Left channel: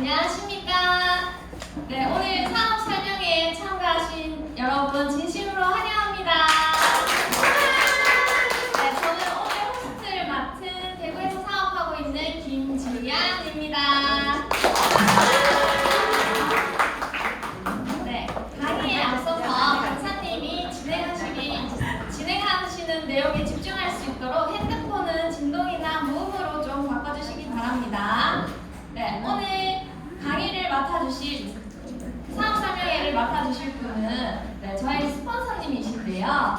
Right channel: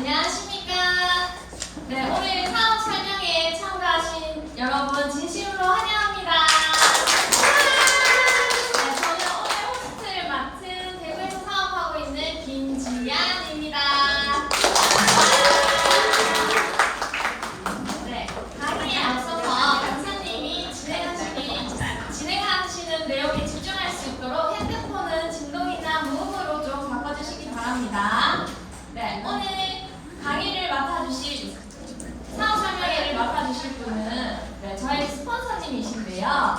안녕하십니까. 네, 오늘 사업 설명회에 참가하신 여러분 진심으로 환영합니다. 네, 저는 오늘 호스트를 맡은 대구에서 사업하고 있는 김지안입니다. 네, 강의에 앞서서 강사님이 진행하시는 내용에 집중할 수 있도록 핸드폰은 진동이나 무음으로 좀 바꿔주시기 바랍니다. 네, 오늘 강의를 맡아주실 사업 설명회를 맡아주실 분은 저희 스폰서님이신데요.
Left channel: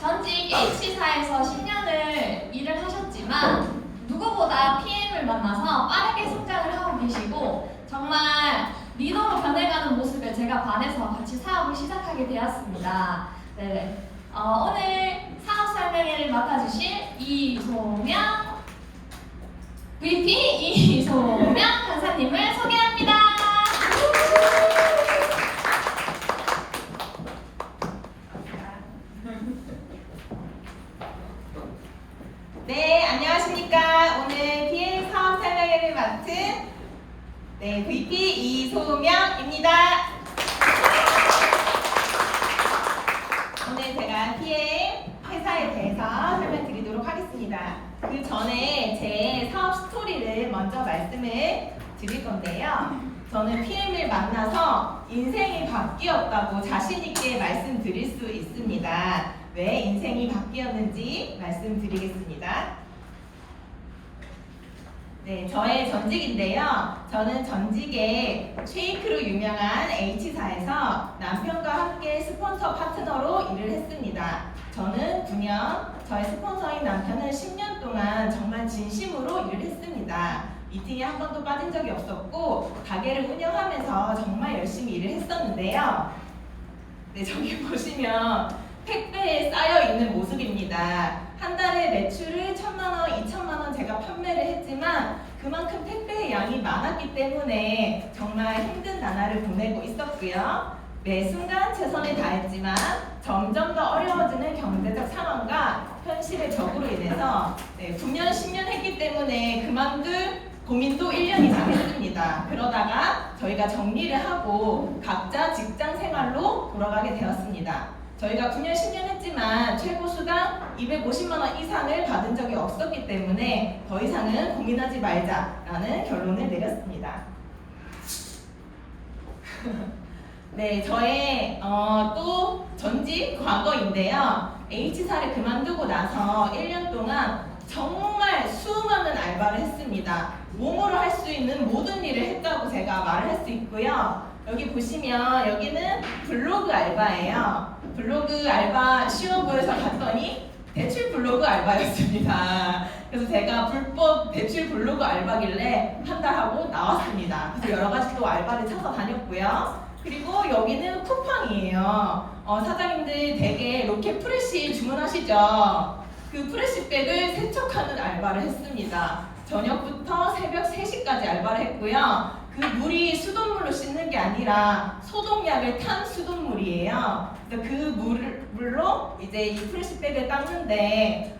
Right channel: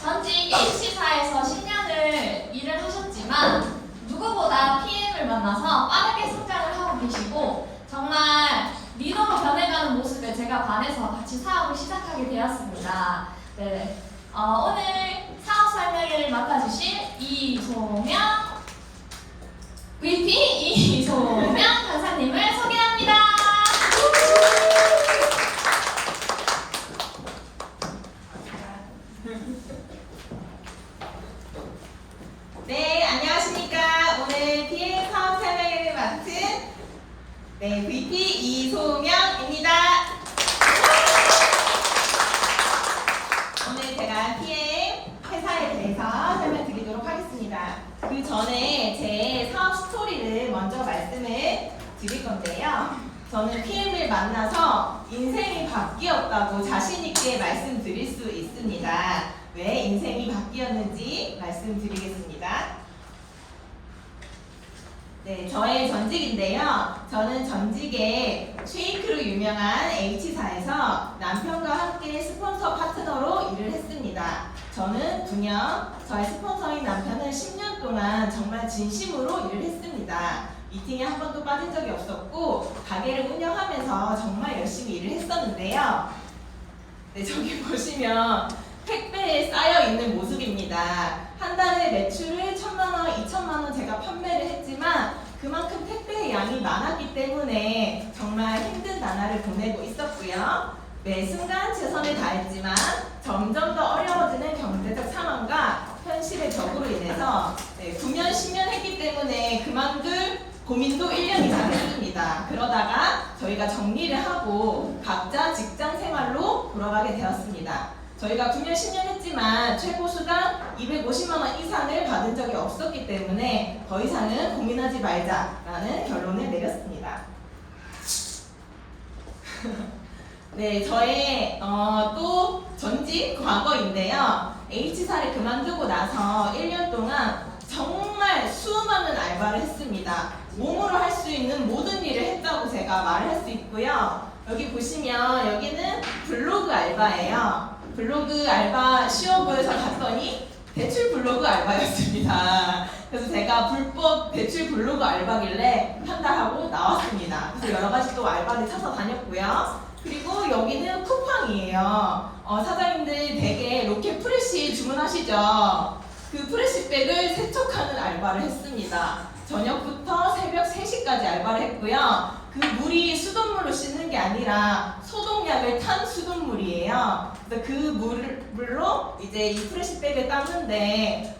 전직 H사에서 10년을 일을 하셨지만 누구보다 PM을 만나서 빠르게 성장을 하고 계시고 정말 리더로 변해가는 모습에 제가 반해서 같이 사업을 시작하게 되었습니다. 오늘 사업 설명회를 맡아주실 이소명 VP 이소명 강사님을 소개합니다. 네, 안녕하십니까. 오늘 PM 사업 설명회를 맡은 VP 이소명입니다. 오늘 제가 PM 회사에 대해서 설명드리도록 하겠습니다. 그 전에 제 사업 스토리를 먼저 말씀을 드릴 건데요. 저는 PM을 만나서 인생이 바뀌었다고 자신있게 말씀드릴 수 있습니다. 왜 인생이 바뀌었는지 말씀드리겠습니다. 네, 저의 전직인데요. 저는 전직에 쉐이크로 유명한 H사에서 남편과 함께 스폰서 파트너로 일을 했습니다. 저는 9년, 저의 스폰서인 남편은 10년 동안 정말 진심으로 일을 했습니다. 미팅에 한 번도 빠진 적이 없었고 가게를 운영하면서 정말 열심히 일을 했었는데요. 네, 저기 보시면 택배에 쌓여있는 모습입니다. 한 달에 매출을 1,000만원, 2,000만원 제가 판매를 했지만 그만큼 택배의 양이 많았기 때문에 정말 힘든 나날을 보내고 있었고요. 매 순간 최선을 다했지만 점점 더 어려워지는 경제적 상황과 현실의 벽으로 인해서 9년, 10년 했기 때문에 그만둘 고민도 1년 이상 했습니다. 그러다가 저희가 정리를 하고 각자 직장 생활로 돌아가게 되었습니다. 저희가 9년, 10년 했지만 최고 수당 250만원 이상을 받은 적이 없었기 때문에 더 이상은 고민하지 말자라는 결론을 내렸습니다. 네, 저의 또 전직 과거인데요. H사를 그만두고 나서 1년 동안 정말 수많은 알바를 했습니다. 몸으로 할 수 있는 모든 일을 했다고 제가 말을 할 수 있고요. 여기 보시면 여기는 블로그 알바예요. 블로그 알바 시험부에서 갔더니 대출 블로그 알바였습니다. 그래서 제가 불법 대출 블로그 알바길래 한다 하고 나왔습니다. 그래서 여러 가지 또 알바를 찾아다녔고요. 그리고 여기는 쿠팡이에요. 사장님들 대개 로켓 프레시 주문하시죠? 그 프레시백을 세척하는 알바를 했습니다. 저녁부터 새벽 3시까지 알바를 했고요. 그 물이 수돗물로 씻는 게 아니라 소독약을 탄 수돗물이에요. 그래서 그 물로 이제 이 프레시백을 닦는데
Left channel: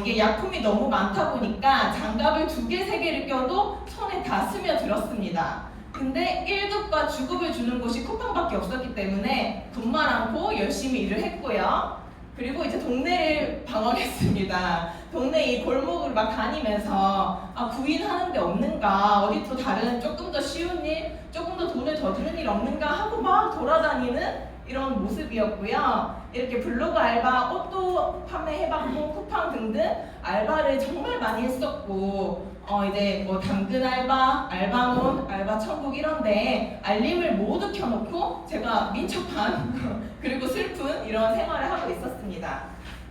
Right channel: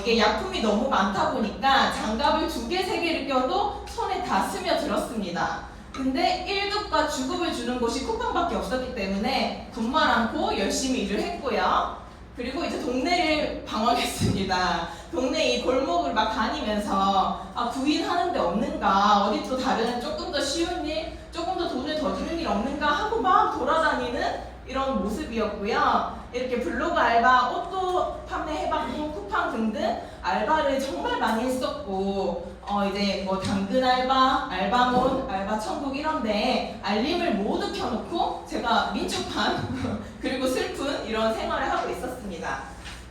이게 약품이 너무 많다 보니까 장갑을 2개, 3개를 껴도 손에 다 스며들었습니다. 근데 1급과 주급을 주는 곳이 쿠팡밖에 없었기 때문에 돈만 않고 열심히 일을 했고요. 그리고 이제 동네를 방황했습니다. 동네 이 골목을 막 다니면서 구인하는 데 없는가, 어디 또 다른 조금 더 쉬운 일, 조금 더 돈을 더 주는 일 없는가 하고 막 돌아다니는 이런 모습이었고요. 이렇게 블로그 알바, 옷도 판매해봤고 쿠팡 등등 알바를 정말 많이 했었고 이제 뭐 당근 알바, 알바몬, 알바천국 이런데 알림을 모두 켜놓고 제가 민첩한 그리고 슬픈 이런 생활을 하고 있었습니다.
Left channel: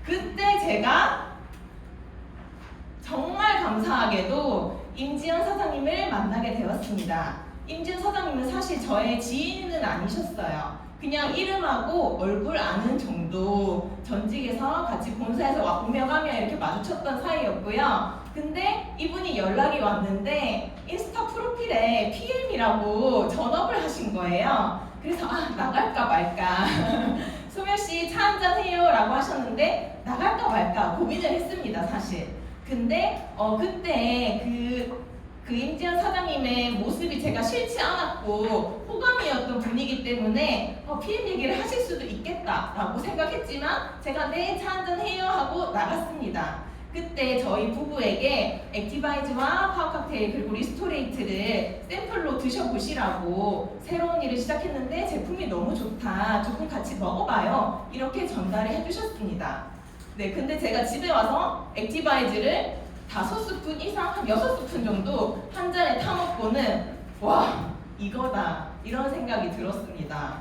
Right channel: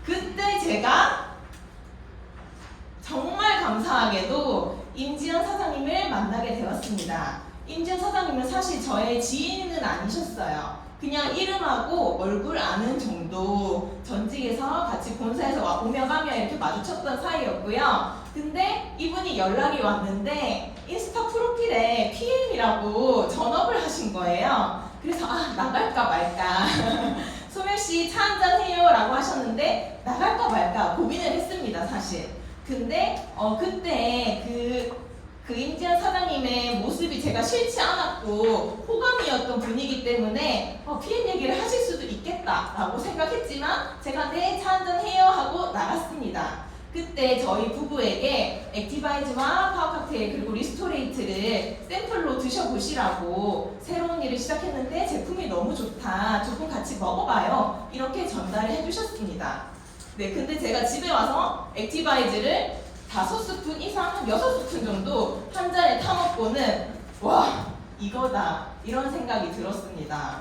그때 제가 정말 감사하게도 임지연 사장님을 만나게 되었습니다. 임지연 사장님은 사실 저의 지인은 아니셨어요. 그냥 이름하고 얼굴 아는 정도, 전직에서 같이 본사에서 오며 가며 이렇게 마주쳤던 사이였고요. 근데 이분이 연락이 왔는데 인스타 프로필에 PM이라고 전업을 하신 거예요. 그래서 나갈까 말까 소명씨 차 한잔 해요 라고 하셨는데 나갈까 말까 고민을 했습니다 사실. 근데 그때 그 임지연 사장님의 모습 모습이 제가 싫지 않았고 호감이었던 분이기 때문에 PM 얘기를 하실 수도 있겠다라고 생각했지만 제가 네, 차 한잔 해요 하고 나갔습니다. 그때 저희 부부에게 액티바이즈와 파워칵테일 그리고 리스토레이트를 샘플로 드셔보시라고 새로운 일을 시작했는데 제품이 너무 좋다. 조금 같이 먹어봐요. 이렇게 전달을 해주셨습니다. 네, 근데 제가 집에 와서 액티바이즈를 5스푼 이상, 한 6스푼 정도 한 잔에 타먹고는 와, 이거다. 이런 생각이 들었습니다.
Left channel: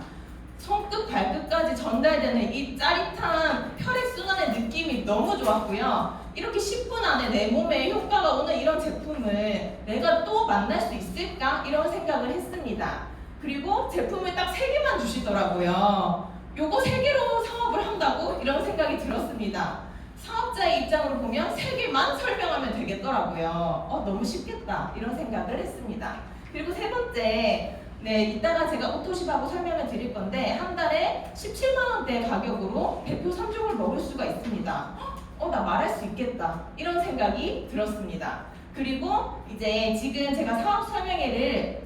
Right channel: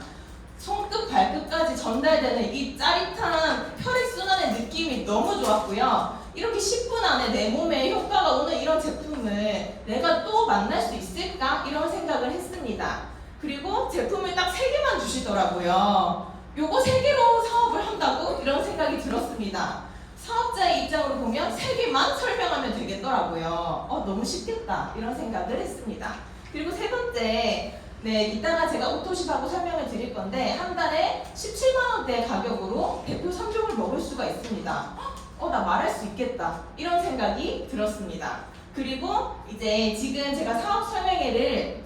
손끝 발끝까지 전달되는 이 짜릿한 혈액순환의 느낌이 너무 좋았고요. 이렇게 10분 안에 내 몸에 효과가 오는 이런 제품을 내가 또 만날 수 있을까? 이런 생각을 했습니다. 그리고 제품을 딱 3개만 주시더라고요. 요거 3개로 사업을 한다고? 이런 생각이 들었습니다. 사업자의 입장으로 보면 3개만 설명하면 되겠더라고요. 너무 쉽겠다. 이런 생각을 했습니다. 그리고 세 번째, 네, 이따가 제가 오토십하고 설명을 드릴 건데 한 달에 17만원대 가격으로 대표 3종을 먹을 수가 있습니다. 나 말할 수 있겠다. 이런 생각이 들었습니다. 그리고 이제 지금 제가 사업 설명을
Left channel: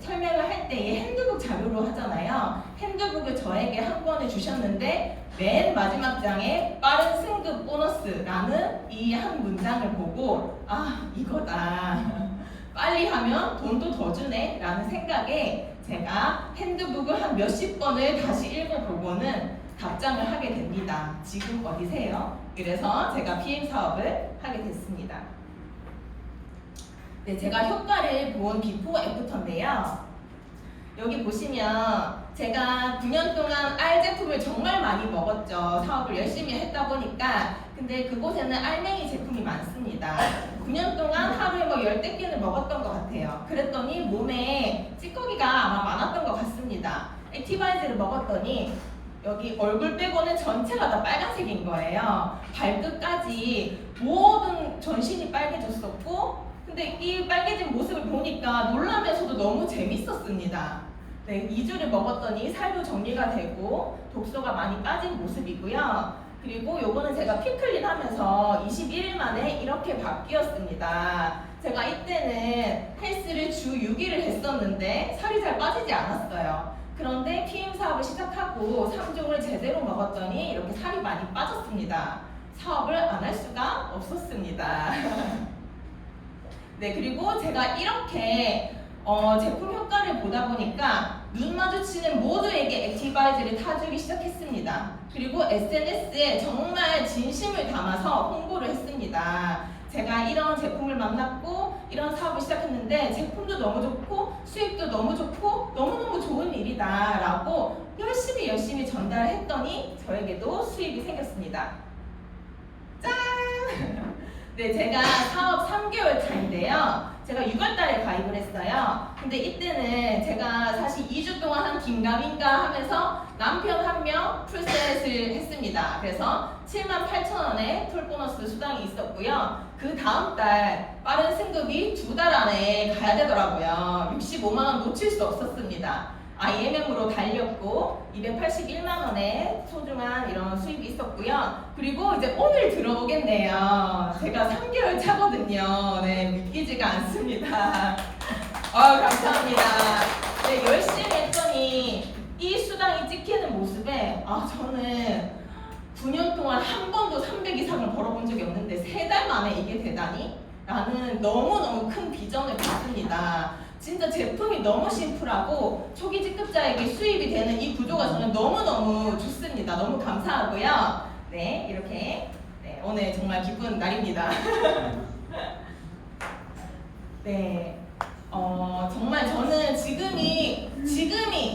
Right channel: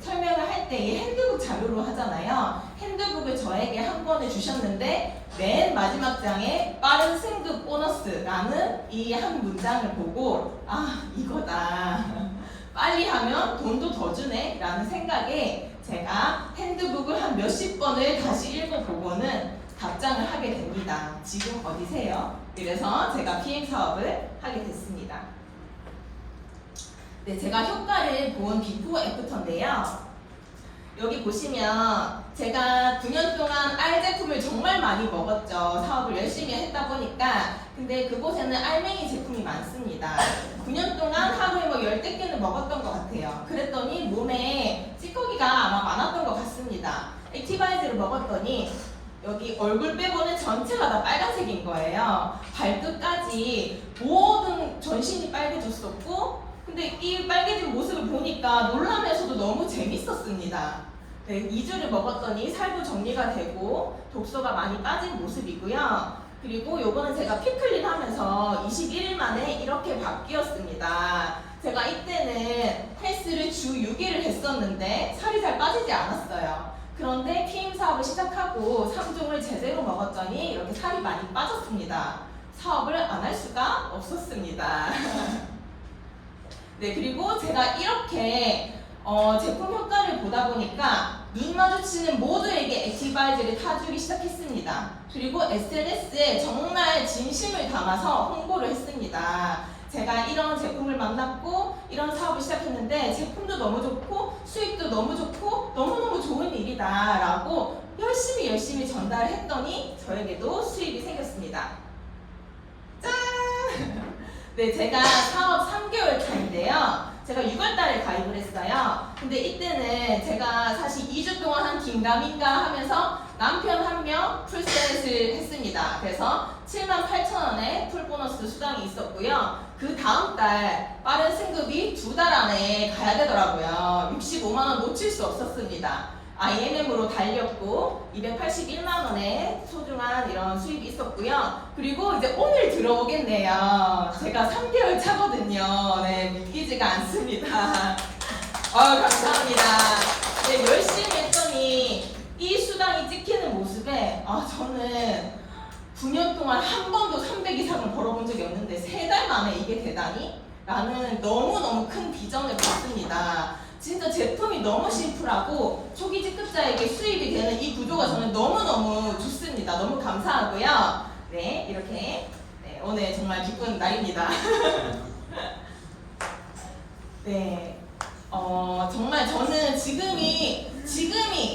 할 때 이 핸드북 자료로 하잖아요. 핸드북을 저에게 한 권을 주셨는데 맨 마지막 장에 빠른 승급 보너스라는 이 한 문장을 보고 이거다. 빨리 하면 돈도 더 주네 라는 생각에 제가 핸드북을 한 몇십 번을 다시 읽어보고는 답장을 하게 됩니다. 지금 어디세요? 그래서 제가 PM 사업을 하게 됐습니다. 네, 제가 효과를 본 비포 애프터인데요. 여기 보시면 제가 9년 동안 알 제품을 정말 많이 먹었죠. 사업을 열심히 했다 보니까. 근데 그곳에는 알맹이 제품이 많습니다. 9년 동안 하루에 10대 끼는 먹었던 것 같아요. 그랬더니 몸에 찌꺼기가 아마 많았던 것 같습니다. 액티바이즈를 먹었더니 여기 얼굴 빼고는 전체가 다 빨간색인 거예요. 발끝까지 모든 전신이 빨개졌었고, 근데 이 빨개진 모습을 보니까 놀라면서도 너무 재밌었습니다. 네, 2주를 먹었더니 살도 정리가 되고 독소가 많이 빠진 모습이고요. 그리고 요거는 제가 피클립 하면서 21일 만에 이렇게 바뀌었습니다. 제가 이때는 헬스를 주 6일을 했었는데 살이 잘 빠지지 않았어요. 그런데 PM 사업을 시작하고 3종을 제대로 먹었더니 이렇게 살이 많이 빠졌습니다. 사업을 안 할 수가 없었습니다. 네, 그리고 제가 이렇게 제품 효과를 보다 보니까 눈 마주치는 모두에게 액티바이즈를 타주기 시작했습니다. 그리고 SNS에 정말 진심을 담아서 홍보를 했습니다. 제가 이런 제품을 만났고 이런 사업을 시작했는데 제품도 너무 좋고 수익도 너무 좋고 너무너무 좋은 일이다 라고 열심히 전달을 했더니 저에게도 수익이 생겼습니다. 짠! 네, 제가 사업 3개월 차인데요. 제가 6월달에 가입을 했어요. 근데 이때는 제가 사실 2주 동안 한 긴가민가 하면서 남편 1명 풀셋을 했습니다. 그래서 78,000원의 풀보너스 수당이 있었고요. 그 다음 달 빠른 승급이 2달 안에 가야 되더라고요. 65만원 놓칠 수 없었습니다. IMM으로 달렸고 281만원의 소중한 이런 수입이 있었고요. 그리고 이제 오늘 들어오겠네요. 제가 3개월 차거든요. 네, 믿기지가 않습니다. 감사합니다. 네, 열심히 했더니 이 수당이 찍히는 모습에 저는 9년 동안 한 번도 300 이상을 벌어본 적이 없는데 3달 만에 이게 되다니? 라는 너무너무 큰 비전을 봤습니다. 진짜 제품이 너무 심플하고 초기 직급자에게 수입이 되는 이 구조가 저는 너무너무 좋습니다. 너무 감사하고요. 네, 이렇게 오늘 정말 기쁜 날입니다. 네, 정말 저는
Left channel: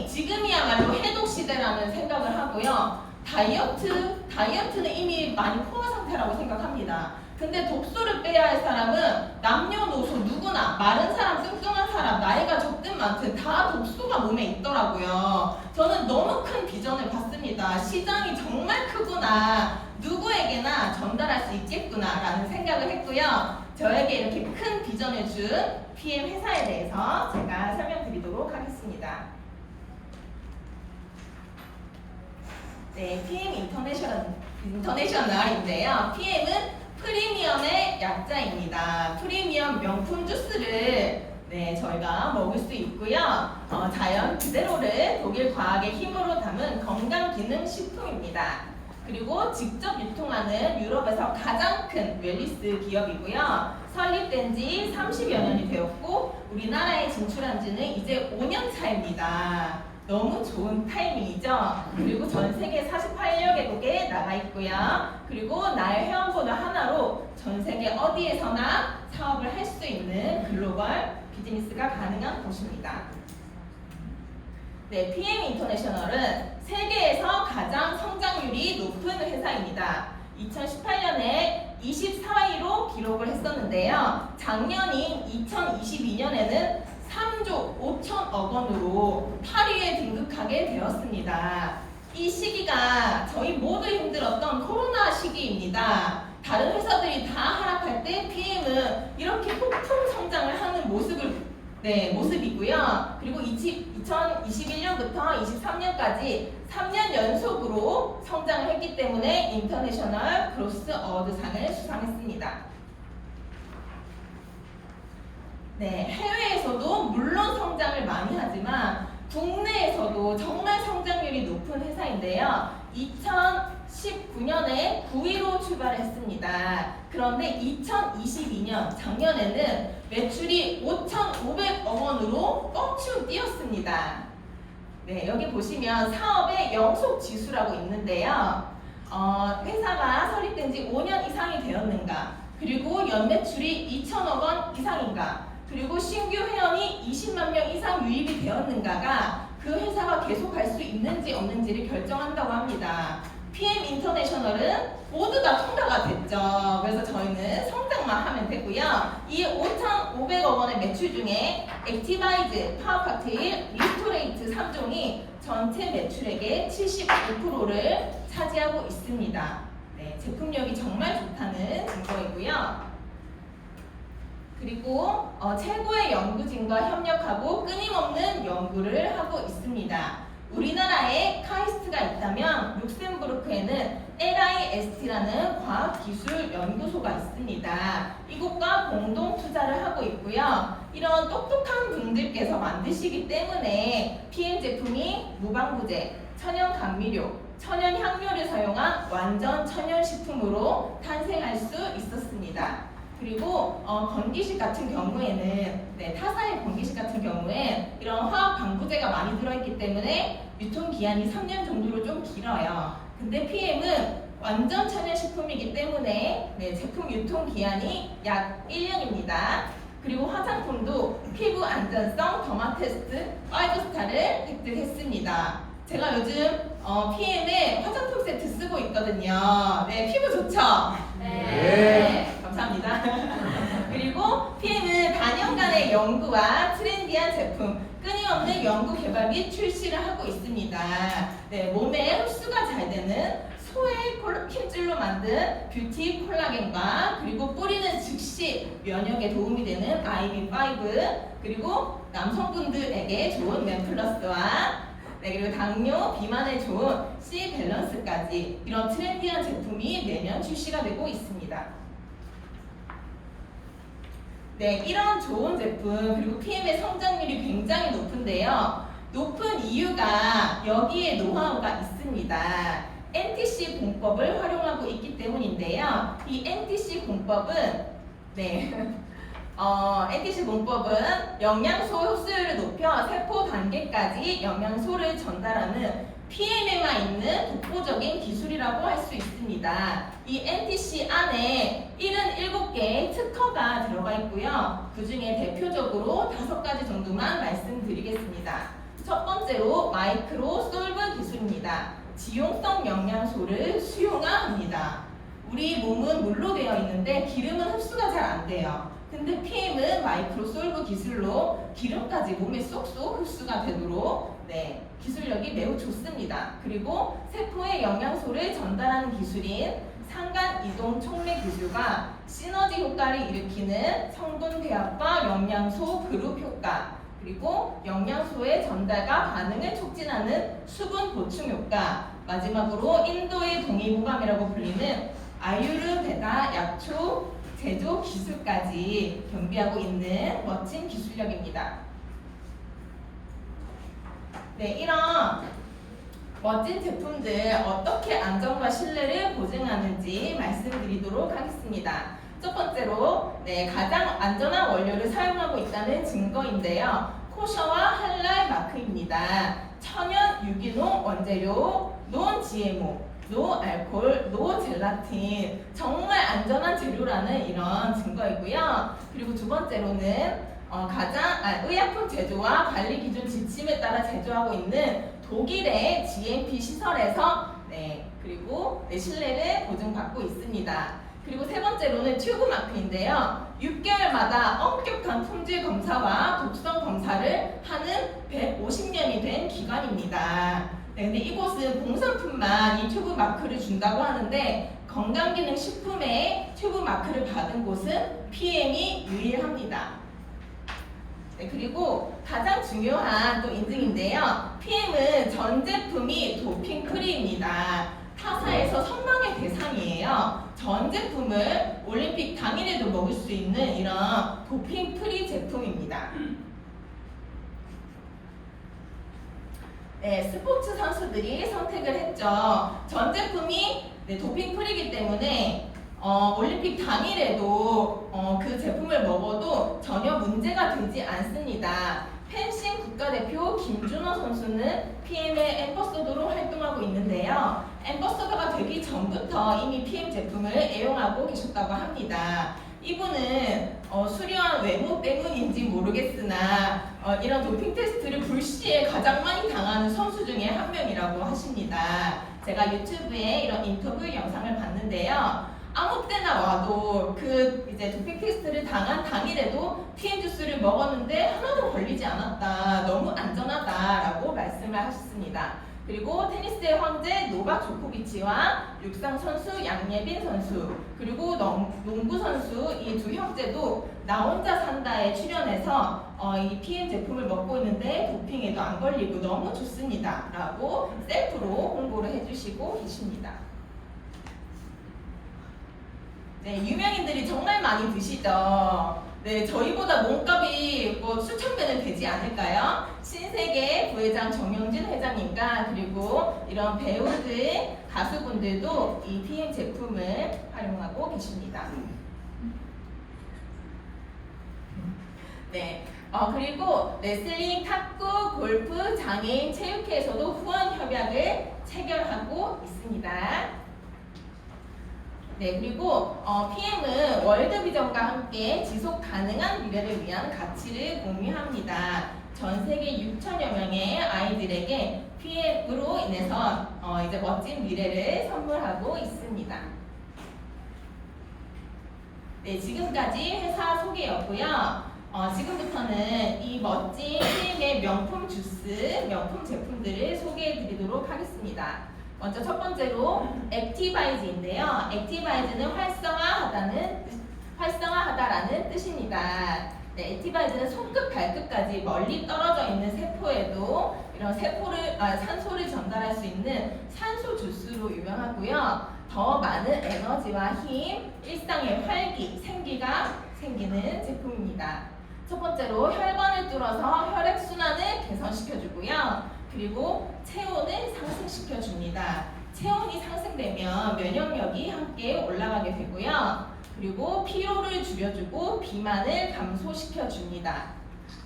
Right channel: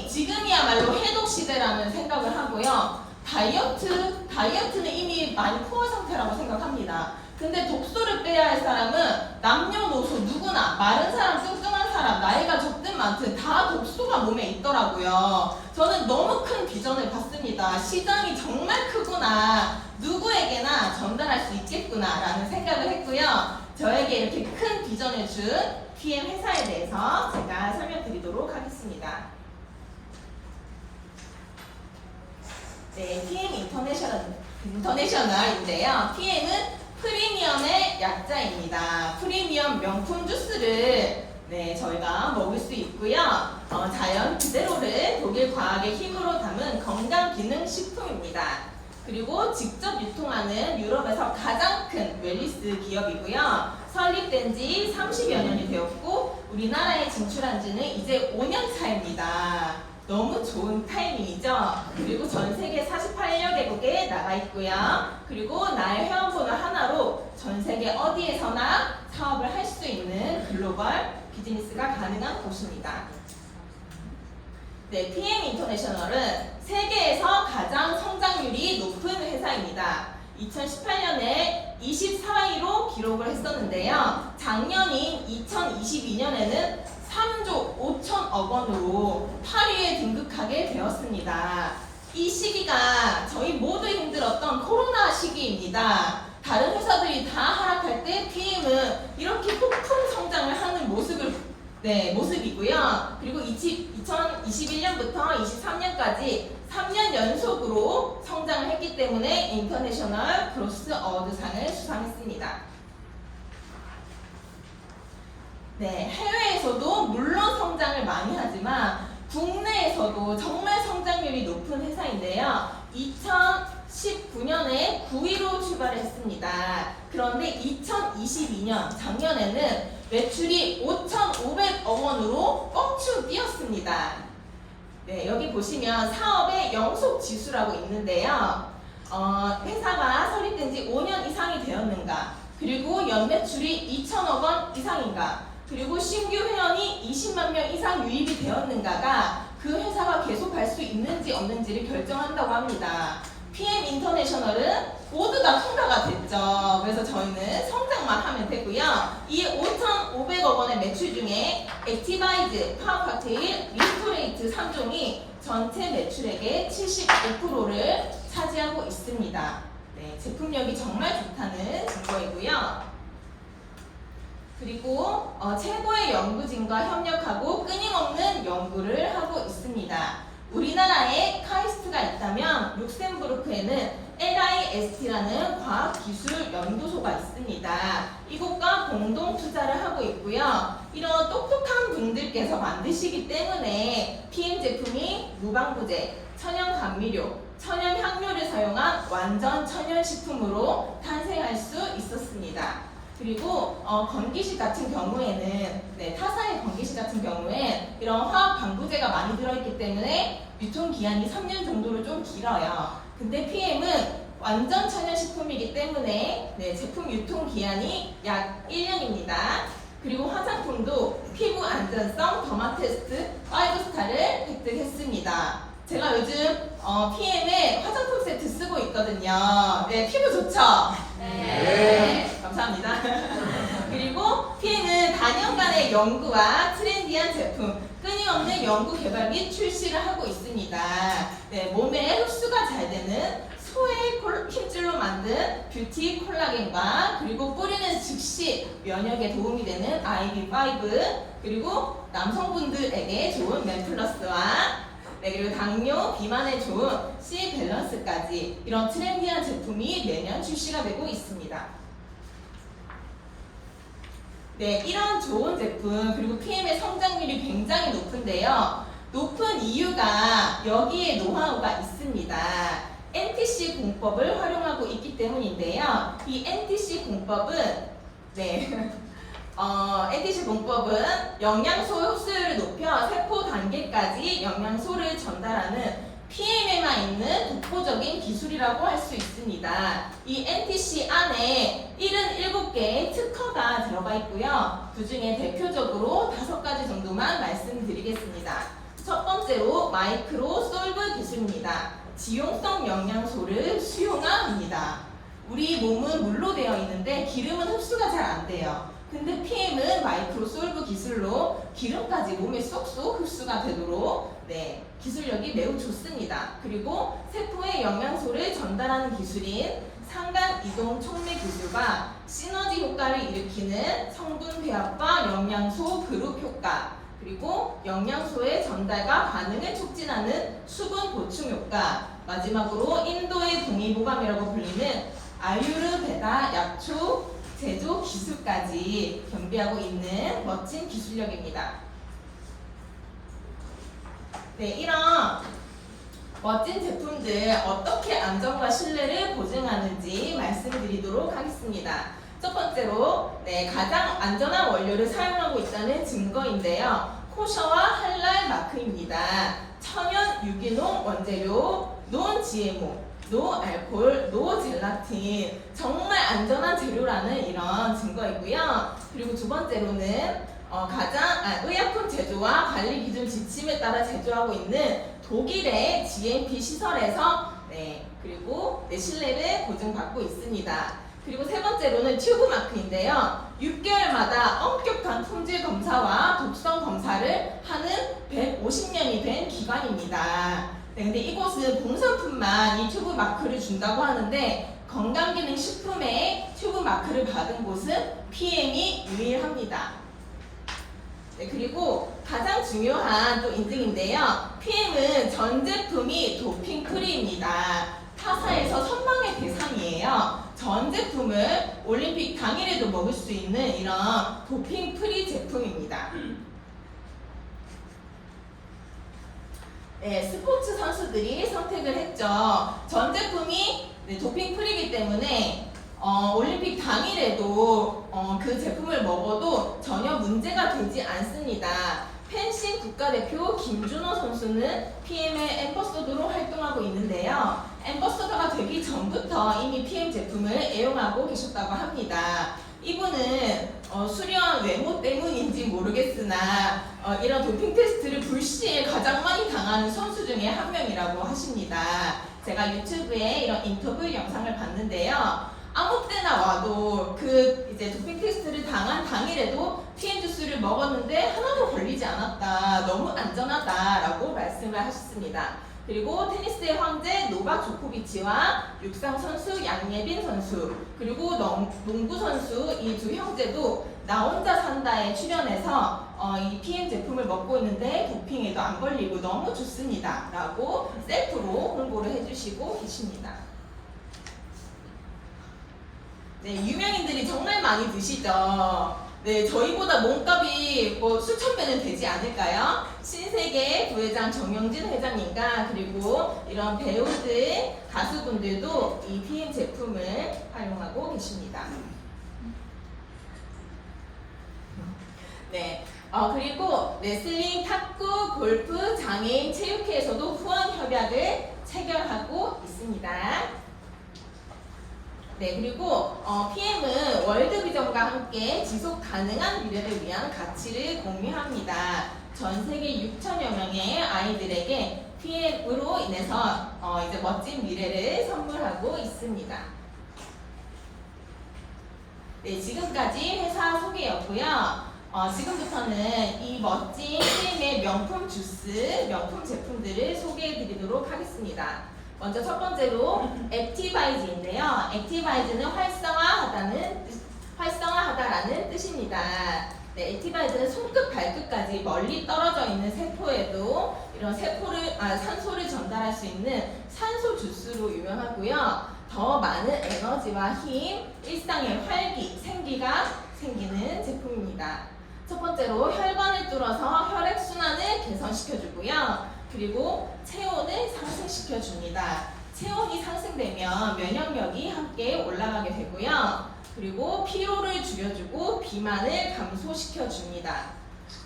지금이야말로 해독 시대라는 생각을 하고요. 다이어트는 이미 많이 포화 상태라고 생각합니다. 근데 독소를 빼야 할 사람은 남녀노소 누구나 마른 사람, 뚱뚱한 사람, 나이가 적든 많든 다 독소가 몸에 있더라고요. 저는 너무 큰 비전을 봤습니다. 시장이 정말 크구나. 누구에게나 전달할 수 있겠구나 라는 생각을 했고요. 저에게 이렇게 큰 비전을 준 PM 회사에 대해서 제가 설명드리도록 하겠습니다. 네, PM 인터내셔널인데요. PM은 프리미엄의 약자입니다. 프리미엄 명품 주스를 네, 저희가 먹을 수 있고요. 자연 그대로를 독일 과학의 힘으로 담은 건강기능식품입니다. 그리고 직접 유통하는 유럽에서 가장 큰 웰리스 기업이고요. 설립된 지 30여 년이 되었고 우리나라에 진출한 지는 이제 5년 차입니다. 너무 좋은 타이밍이죠. 그리고 전 세계 48여 개국에 나가 있고요. 그리고 나의 회원번호 하나로 전 세계 어디에서나 사업을 할 수 있는 글로벌 비즈니스가 가능한 곳입니다. 네, PM 인터내셔널은 세계에서 가장 성장률이 높은 회사입니다. 2018년에 24위로 기록을 했었는데요. 작년인 2022년에는 3조 5천억 원으로 8위에 등극하게 되었습니다. 이 시기가 저희 모두 힘들었던 코로나 시기입니다. 다른 회사들이 다 하락할 때 PM은 이렇게 폭풍 성장을 하는 모습이고요. 그리고 2021년부터 23년까지 3년 연속으로 성장을 했기 때문에 인터내셔널 그로스 어워드상을 수상했습니다. 네, 해외에서도 물론 성장을 많이 하지만 국내에서도 정말 성장률이 높은 회사인데요. 2019년에 9위로 출발했습니다. 그런데 2022년 작년에는 매출이 5,500억 원으로 껑충 뛰었습니다. 네, 여기 보시면 사업의 영속 지수라고 있는데요. 회사가 설립된 지 5년 이상이 되었는가, 그리고 연매출이 2천억 원 이상인가, 그리고 신규 회원이 20만 명 이상 유입이 되었는가가 그 회사가 계속 갈 수 있는지 없는지를 결정한다고 합니다. PM 인터내셔널은 모두 다 통과가 됐죠. 그래서 저희는 성장만 하면 되고요. 이 5,500억 원의 매출 중에 액티바이즈, 파워칵테일, 리스토레이트 3종이 전체 매출액의 75%를 차지하고 있습니다. 네, 제품력이 정말 좋다는 증거이고요. 그리고 최고의 연구진과 협력하고 끊임없는 연구를 하고 있습니다. 우리나라에 카이스트가 있다면 룩셈부르크에는 LIST라는 과학기술연구소가 있습니다. 이곳과 공동 투자를 하고 있고요. 이런 똑똑한 분들께서 만드시기 때문에 PM 제품이 무방부제, 천연 감미료, 천연 향료를 사용한 완전 천연 식품으로 탄생할 수 있었습니다. 그리고 건기식 같은 경우에는 타사의 건기식 같은 경우엔 이런 화학 방부제가 많이 들어있기 때문에 유통기한이 3년 정도로 좀 길어요. 근데 PM은 완전 천연식품이기 때문에 제품 유통기한이 약 1년입니다. 그리고 화장품도 피부 안전성 더마테스트 5스타를 획득했습니다. 제가 요즘 PM의 화장품 세트 쓰고 있거든요. 네, 피부 좋죠? 네. 감사합니다. 그리고 PM은 단연간의 연구와 트렌디한 제품, 끊임없는 연구 개발 및 출시를 하고 있습니다. 네, 몸에 흡수가 잘 되는 소의 힘줄로 만든 뷰티 콜라겐과 그리고 뿌리는 즉시 면역에 도움이 되는 IV5, 그리고 남성분들에게 좋은 맨플러스와 그리고 당뇨, 비만에 좋은 C 밸런스까지 이런 트렌디한 제품이 매년 출시가 되고 있습니다. 네, 이런 좋은 제품 그리고 PM의 성장률이 굉장히 높은데요. 높은 이유가 여기에 노하우가 있습니다. NTC 공법을 활용하고 있기 때문인데요. 이 NTC 공법은 NTC 공법은 영양소 흡수율을 높여 세포 단계까지 영양소를 전달하는 PM에만 있는 독보적인 기술이라고 할 수 있습니다. 이 NTC 안에 77개의 특허가 들어가 있고요. 그 중에 대표적으로 5가지 정도만 말씀드리겠습니다. 첫 번째로 마이크로 솔브 기술입니다. 지용성 영양소를 수용합니다. 우리 몸은 물로 되어 있는데 기름은 흡수가 잘 안 돼요. 근데 PM은 마이크로 솔브 기술로 기름까지 몸에 쏙쏙 흡수가 되도록 기술력이 매우 좋습니다. 그리고 세포에 영양소를 전달하는 기술인 상간 이동 촉매 기술과 시너지 효과를 일으키는 성분 배합과 영양소 그룹 효과, 그리고 영양소의 전달과 반응을 촉진하는 수분 보충 효과, 마지막으로 인도의 동의보감이라고 불리는 아유르베다 약초 제조 기술까지 겸비하고 있는 멋진 기술력입니다. 네, 이런 멋진 제품들 어떻게 안전과 신뢰를 보증하는지 말씀드리도록 하겠습니다. 첫 번째로 가장 안전한 원료를 사용하고 있다는 증거인데요. 코셔와 할랄 마크입니다. 천연 유기농 원재료, 논 GMO, 노 알코올, 노 젤라틴, 정말 안전한 재료라는 이런 증거이고요. 그리고 두 번째로는 의약품 제조와 관리 기준 지침에 따라 제조하고 있는 독일의 GMP 시설에서 그리고 신뢰를 보증받고 있습니다. 그리고 세 번째로는 튜브 마크인데요. 6개월마다 엄격한 품질 검사와 독성 검사를 하는 150년이 된 기관입니다. 근데 이곳은 공산품만 이 튜브 마크를 준다고 하는데 건강기능식품에 튜브 마크를 받은 곳은 PM이 유일합니다. 그리고 가장 중요한 또 인증인데요. PM은 전 제품이 도핑 프리입니다. 타사에서 선망의 대상이에요. 전 제품을 올림픽 당일에도 먹을 수 있는 이런 도핑 프리 제품입니다. 스포츠 선수들이 선택을 했죠. 전 제품이 도핑 프리이기 때문에 올림픽 당일에도 그 제품을 먹어도 전혀 문제가 되지 않습니다. 펜싱 국가대표 김준호 선수는 PM의 앰버서더로 활동하고 있는데요. 앰버서더가 되기 전부터 이미 PM 제품을 애용하고 계셨다고 합니다. 이분은 수려한 외모 때문인지 모르겠으나 이런 도핑 테스트를 불시에 가장 많이 당하는 선수 중에 한 명이라고 하십니다. 제가 유튜브에 이런 인터뷰 영상을 봤는데요. 아무 때나 와도 이제 도핑 테스트를 당한 당일에도 PM 주스를 먹었는데 하나도 걸리지 않았다. 너무 안전하다라고 말씀을 하셨습니다. 그리고 테니스의 황제 노박 조코비치와 육상 선수 양예빈 선수 그리고 농구 선수 이 두 형제도 나 혼자 산다에 출연해서 이 PM 제품을 먹고 있는데 도핑에도 안 걸리고 너무 좋습니다 라고 셀프로 홍보를 해주시고 계십니다. 유명인들이 정말 많이 드시죠. 저희보다 몸값이 수천 배는 되지 않을까요? 신세계 부회장 정영진 회장님과 그리고 이런 배우들, 가수분들도 이 PM 제품을 활용하고 계십니다. 그리고 레슬링, 탁구, 골프, 장애인, 체육회에서도 후원 협약을 체결하고 있습니다. 그리고 PM은 월드비전과 함께 지속 가능한 미래를 위한 가치를 공유합니다. 전 세계 6천여 명의 아이들에게 PM으로 인해서 이제 멋진 미래를 선물하고 있습니다. 지금까지 회사 소개였고요. 지금부터는 이 멋진 PM의 명품 주스, 명품 제품들을 소개해 드리도록 하겠습니다. 먼저 첫 번째로 액티바이즈인데요. 액티바이즈는 활성화하다라는 뜻입니다. 액티바이즈는 손끝 발끝까지 멀리 떨어져 있는 세포에도 이런 산소를 전달할 수 있는 산소 주스로 유명하고요. 더 많은 에너지와 힘, 일상의 활기, 생기가 생기는 제품입니다. 첫 번째로 혈관을 뚫어서 혈액 순환을 개선시켜주고요. 그리고 체온을 상승시켜 줍니다. 체온이 상승되면 면역력이 함께 올라가게 되고요. 그리고 피로를 줄여주고 비만을 감소시켜 줍니다.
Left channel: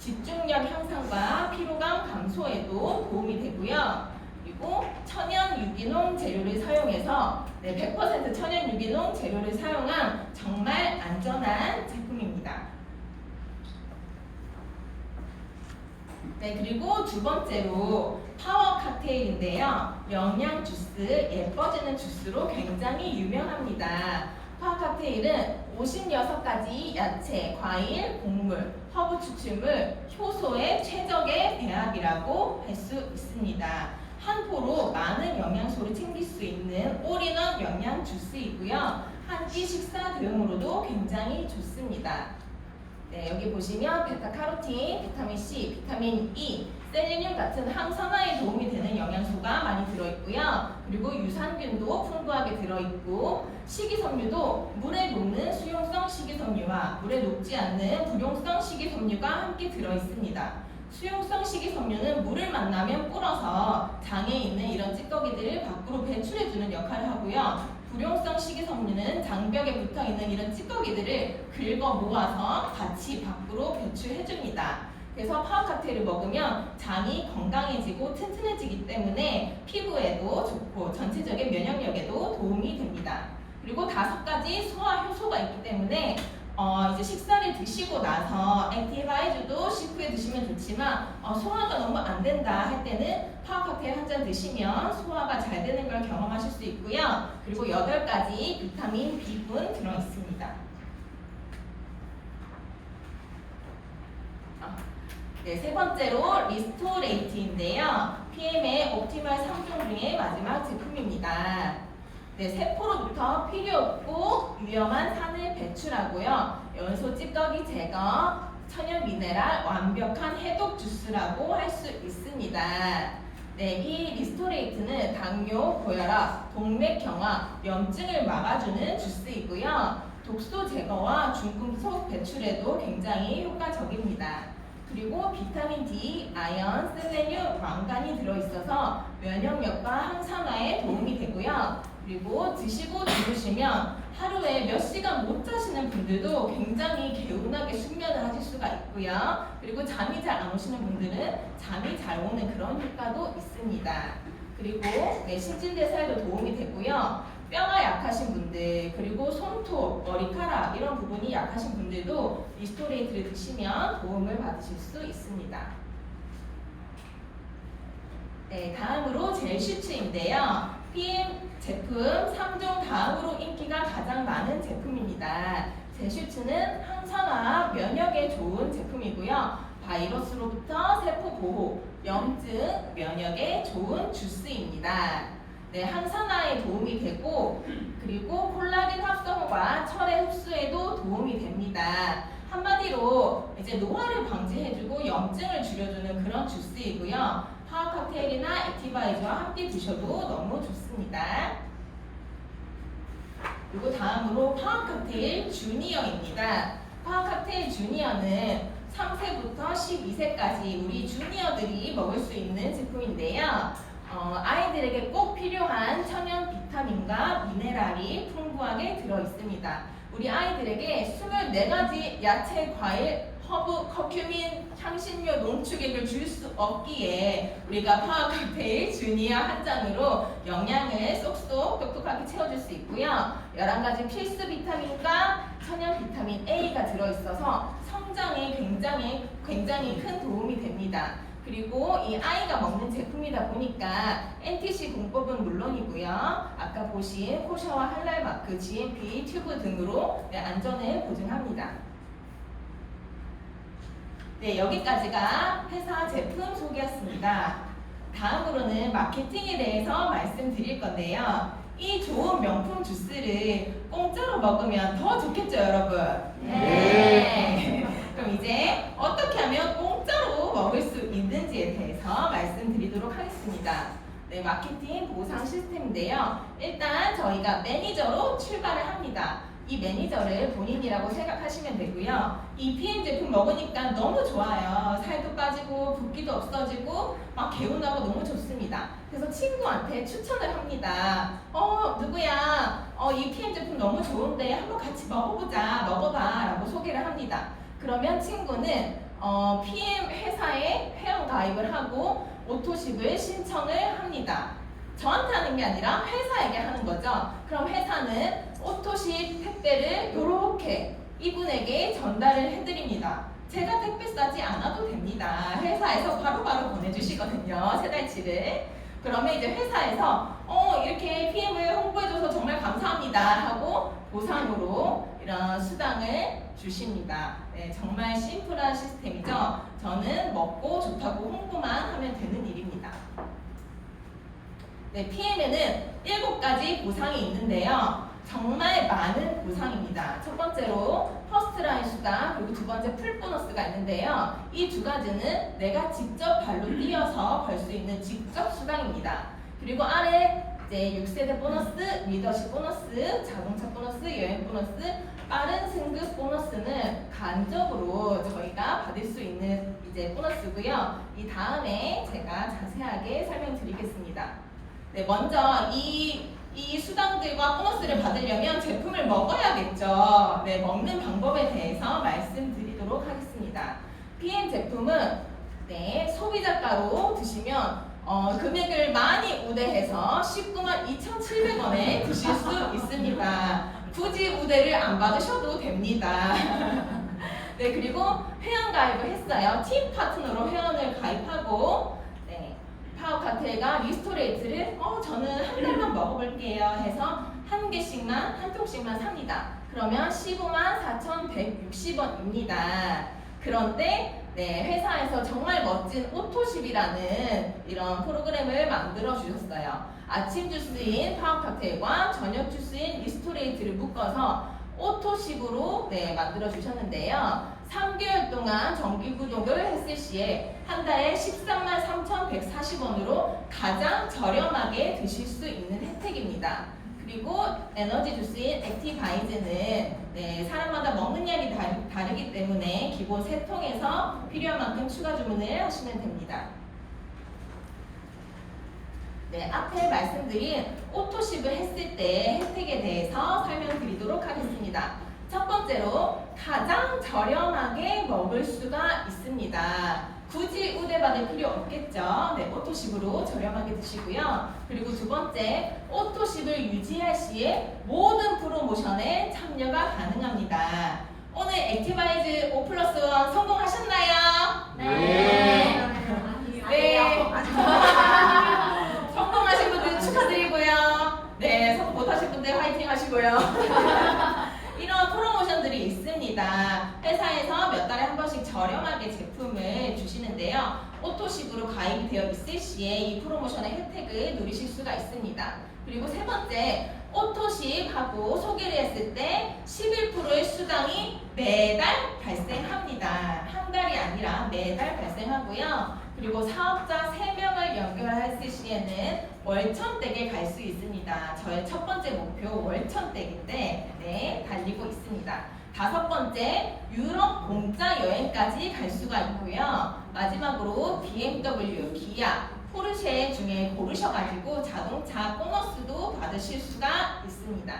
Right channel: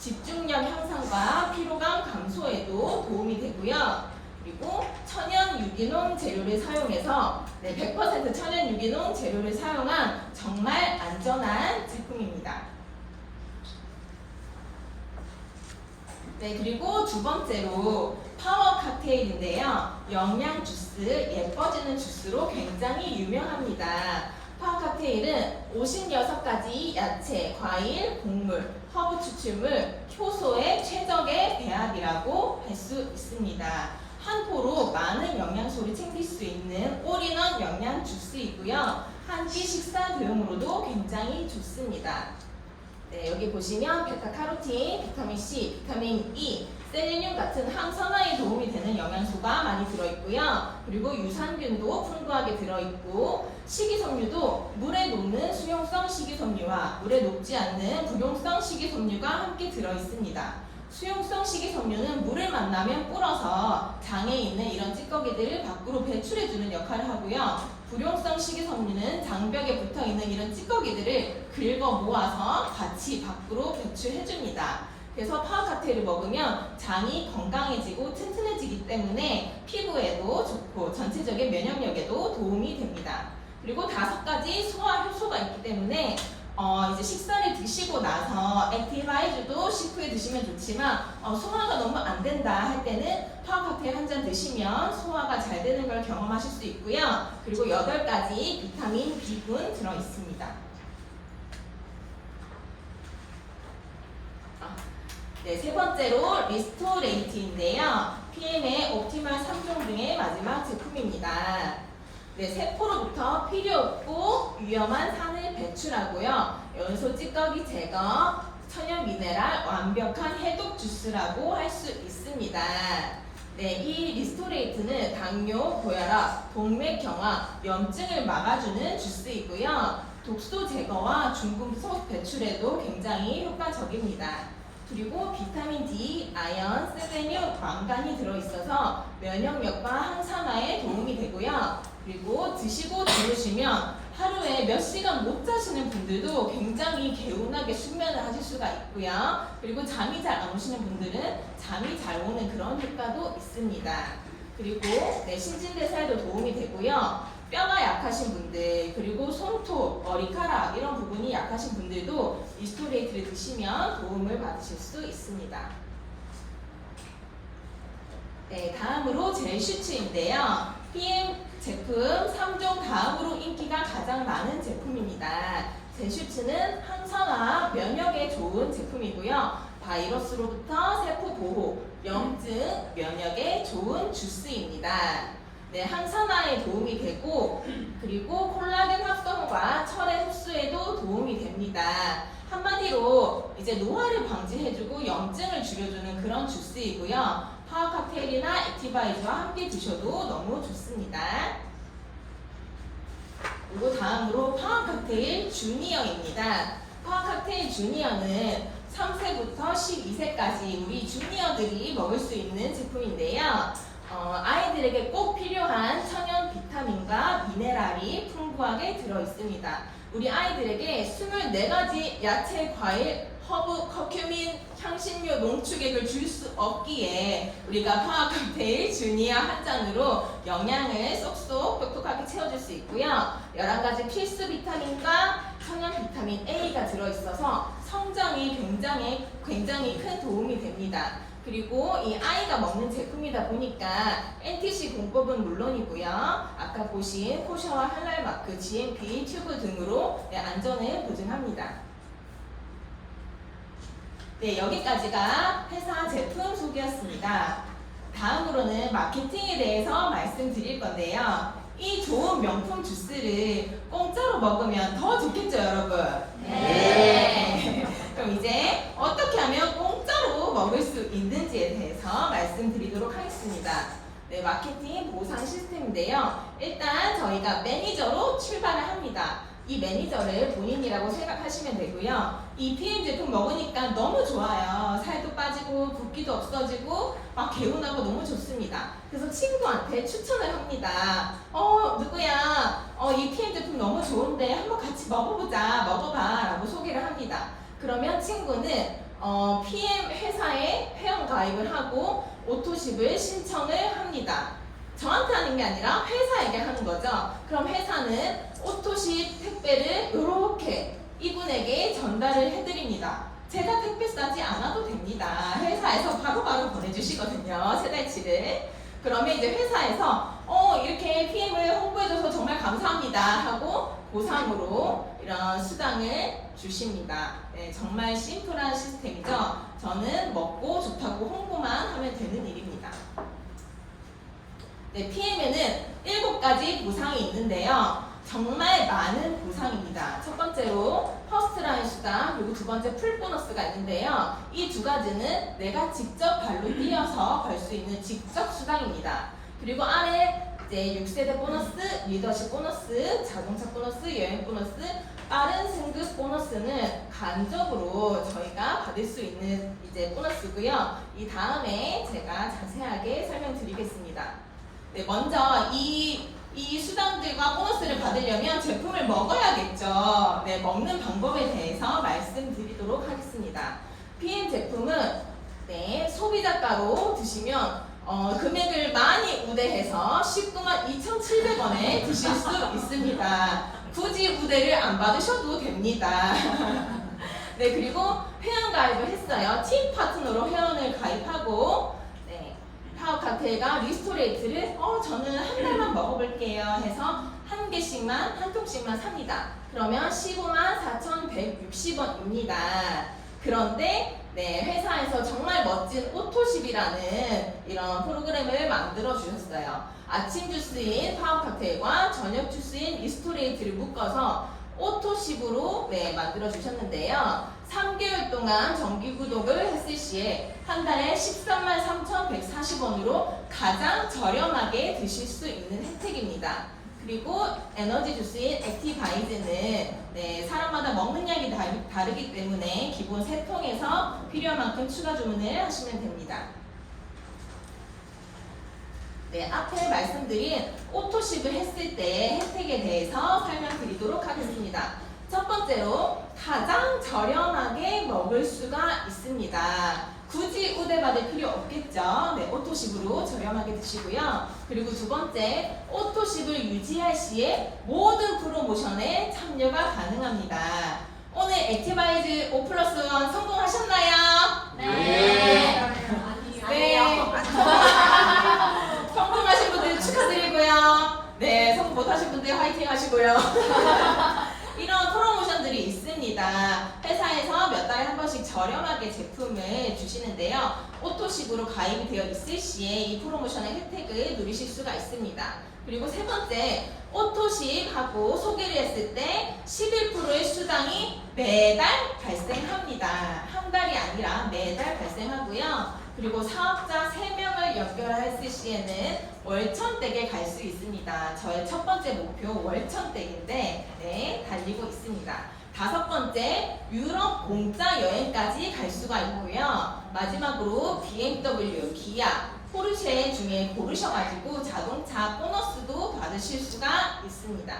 집중력 향상과 피로감 감소에도 도움이 되고요. 그리고 천연 유기농 재료를 사용해서 100% 천연 유기농 재료를 사용한 정말 안전한 제품입니다. 그리고 두 번째로 파워 칵테일인데요. 영양 주스, 예뻐지는 주스로 굉장히 유명합니다. 파워 칵테일은 56가지 야채, 과일, 곡물, 허브 추출물, 효소의 최적의 배합이라고 할 수 있습니다. 한 포로 많은 영양소를 챙길 수 있는 올인원 영양 주스이고요. 한 끼 식사 대용으로도 굉장히 좋습니다. 여기 보시면 베타카로틴, 비타민 C, 비타민 E, 셀레늄 같은 항산화에 도움이 되는 영양소가 많이 들어있고요. 그리고 유산균도 풍부하게 들어있고 식이섬유도 물에 녹는 수용성 식이섬유와 물에 녹지 않는 불용성 식이섬유가 함께 들어있습니다. 수용성 식이섬유는 물을 만나면 불어서 장에 있는 이런 찌꺼기들을 밖으로 배출해주는 역할을 하고요. 불용성 식이섬유는 장벽에 붙어있는 이런 찌꺼기들을 긁어 모아서 같이 밖으로 배출해줍니다. 그래서 파워칵테일을 먹으면 장이 건강해지고 튼튼해지기 때문에 피부에도 좋고 전체적인 면역력에도 도움이 됩니다. 그리고 5가지 소화 효소가 있기 때문에 이제 식사를 드시고 나서 액티바이주도 식후에 드시면 좋지만 소화가 너무 안 된다 할 때는 파워칵테일 한 잔 드시면 소화가 잘 되는 걸 경험하실 수 있고요. 그리고 8가지 비타민 B군 들어있습니다. 네, 세 번째로 리스토레이트인데요. PM의 옵티멀 3종 중에 마지막 제품입니다. 네, 세포로부터 필요 없고 위험한 산을 배출하고요. 연소 찌꺼기 제거, 천연 미네랄 완벽한 해독 주스라고 할 수 있습니다. 네, 이 리스토레이트는 당뇨, 고혈압, 동맥 경화, 염증을 막아주는 주스이고요. 독소 제거와 중금속 배출에도 굉장히 효과적입니다. 그리고 비타민 D, 아연, 셀레늄, 망간이 들어있어서 면역력과 항산화에 도움이 되고요. 그리고 드시고 주무시면 하루에 몇 시간 못 자시는 분들도 굉장히 개운하게 숙면을 하실 수가 있고요. 그리고 잠이 잘 안 오시는 분들은 잠이 잘 오는 그런 효과도 있습니다. 그리고 신진대사에도 도움이 되고요. 뼈가 약하신 분들, 그리고 손톱, 머리카락 이런 부분이 약하신 분들도 리스토레이트를 드시면 도움을 받으실 수 있습니다. 네, 다음으로 젤슈츠인데요. PM 제품 3종 다음으로 인기가 가장 많은 제품입니다. 젤슈츠는 항산화, 면역에 좋은 제품이고요. 바이러스로부터 세포 보호, 염증, 면역에 좋은 주스입니다. 네, 항산화에 도움이 되고 그리고 콜라겐 합성과 철의 흡수에도 도움이 됩니다. 한마디로 이제 노화를 방지해주고 염증을 줄여주는 그런 주스이고요. 파워칵테일이나 액티바이저와 함께 드셔도 너무 좋습니다. 그리고 다음으로 파워칵테일 주니어입니다. 파워칵테일 주니어는 3세부터 12세까지 우리 주니어들이 먹을 수 있는 제품인데요. 아이들에게 꼭 필요한 천연 비타민과 미네랄이 풍부하게 들어있습니다. 우리 아이들에게 24가지 야채, 과일, 허브, 커큐민, 향신료, 농축액을 줄 수 없기에 우리가 파워칵테일 주니어 한 잔으로 영양을 쏙쏙 똑똑하게 채워줄 수 있고요. 11가지 필수 비타민과 천연 비타민 A가 들어있어서 성장에 굉장히 큰 도움이 됩니다. 그리고 이 아이가 먹는 제품이다 보니까 NTC 공법은 물론이고요. 아까 보신 코셔와 할랄마크, GMP 튜브 등으로 안전을 보증합니다. 네, 여기까지가 회사 제품 소개였습니다. 다음으로는 마케팅에 대해서 말씀드릴 건데요. 이 좋은 명품 주스를 공짜로 먹으면 더 좋겠죠, 여러분? 네. 그럼 이제 어떻게 하면 공짜로 먹을 수 있는지에 대해서 말씀드리도록 하겠습니다. 네, 마케팅 보상 시스템인데요. 일단 저희가 매니저로 출발을 합니다. 이 매니저를 본인이라고 생각하시면 되고요. 이 PM 제품 먹으니까 너무 좋아요. 살도 빠지고 붓기도 없어지고 막 개운하고 너무 좋습니다. 그래서 친구한테 추천을 합니다. 누구야? 이 PM 제품 너무 좋은데 한번 같이 먹어보자. 먹어봐. 라고 소개를 합니다. 그러면 친구는 PM 회사에 회원 가입을 하고 오토십을 신청을 합니다. 저한테 하는 게 아니라 회사에게 하는 거죠. 그럼 회사는 오토십 택배를 이렇게 이분에게 전달을 해드립니다. 제가 택배 싸지 않아도 됩니다. 회사에서 바로바로 보내주시거든요. 세 달치를. 그러면 이제 회사에서 이렇게 PM을 홍보해줘서 정말 감사합니다 하고 보상으로 이런 수당을 주십니다. 네, 정말 심플한 시스템이죠. 저는 먹고 좋다고 홍보만 하면 되는 일입니다. 네, PM에는 7가지 보상이 있는데요. 정말 많은 보상입니다. 첫 번째로 퍼스트라인 수당 그리고 두 번째 풀 보너스가 있는데요. 이 두 가지는 내가 직접 발로 뛰어서 벌 수 있는 직접 수당입니다. 그리고 아래 이제 6세대 보너스, 리더십 보너스, 자동차 보너스, 여행 보너스, 빠른 승급 보너스는 간접으로 저희가 받을 수 있는 이제 보너스고요. 이 다음에 제가 자세하게 설명드리겠습니다. 네, 먼저 이 수당들과 보너스를 받으려면 제품을 먹어야겠죠. 네, 먹는 방법에 대해서 말씀드리도록 하겠습니다. PM 제품은 네, 소비자가로 드시면 금액을 많이 우대해서 19만 2,700원에 드실 수 있습니다. 굳이 우대를 안 받으셔도 됩니다. 네, 그리고 회원 가입을 했어요. 팀 파트너로 회원을 가입하고 파워카트가 리스토레이트를 저는 한 달만 먹어볼게요 해서 한 통씩만 삽니다. 그러면 15만 4,160원입니다. 그런데 회사에서 정말 멋진 오토십이라는 이런 프로그램을 만들어 주셨어요. 아침 주스인 파워카트과 저녁 주스인 리스토레이트를 묶어서 오토십으로 만들어 주셨는데요. 3개월 동안 정기 구독을 했을 시에 한 달에 13만 3,140원으로 가장 저렴하게 드실 수 있는 혜택입니다. 그리고 에너지 주스인 액티바이즈는 사람마다 먹는 양이 다르기 때문에 기본 3통에서 필요한 만큼 추가 주문을 하시면 됩니다. 네, 앞에 말씀드린 오토십을 했을 때 혜택에 대해서 설명드리도록 하겠습니다. 첫 번째로 가장 저렴하게 먹을 수가 있습니다. 굳이 우대받을 필요 없겠죠. 네, 오토십으로 저렴하게 드시고요. 그리고 두 번째, 오토십을 유지할 시에 모든 프로모션에 참여가 가능합니다. 오늘 액티바이즈 5+1 성공하셨나요? 네. 네. 성공하신 분들 축하드리고요. 네, 성공 못하신 분들 화이팅 하시고요. 이런 프로모션들이 있습니다. 회사에서 몇 달에 한 번씩 저렴하게 제품을 주시는데요. 오토십으로 가입이 되어 있을 시에 이 프로모션의 혜택을 누리실 수가 있습니다. 그리고 세 번째, 오토십하고 소개를 했을 때 11%의 수당이 매달 발생합니다. 한 달이 아니라 매달 발생하고요. 그리고 사업자 3명을 연결했을 시에는 월천댁에 갈 수 있습니다. 저의 첫 번째 목표 월천댁인데 달리고 있습니다. 다섯 번째, 유럽 공짜 여행까지 갈 수가 있고요. 마지막으로 BMW, 기아, 포르쉐 중에 고르셔가지고 자동차 보너스도 받으실 수가 있습니다.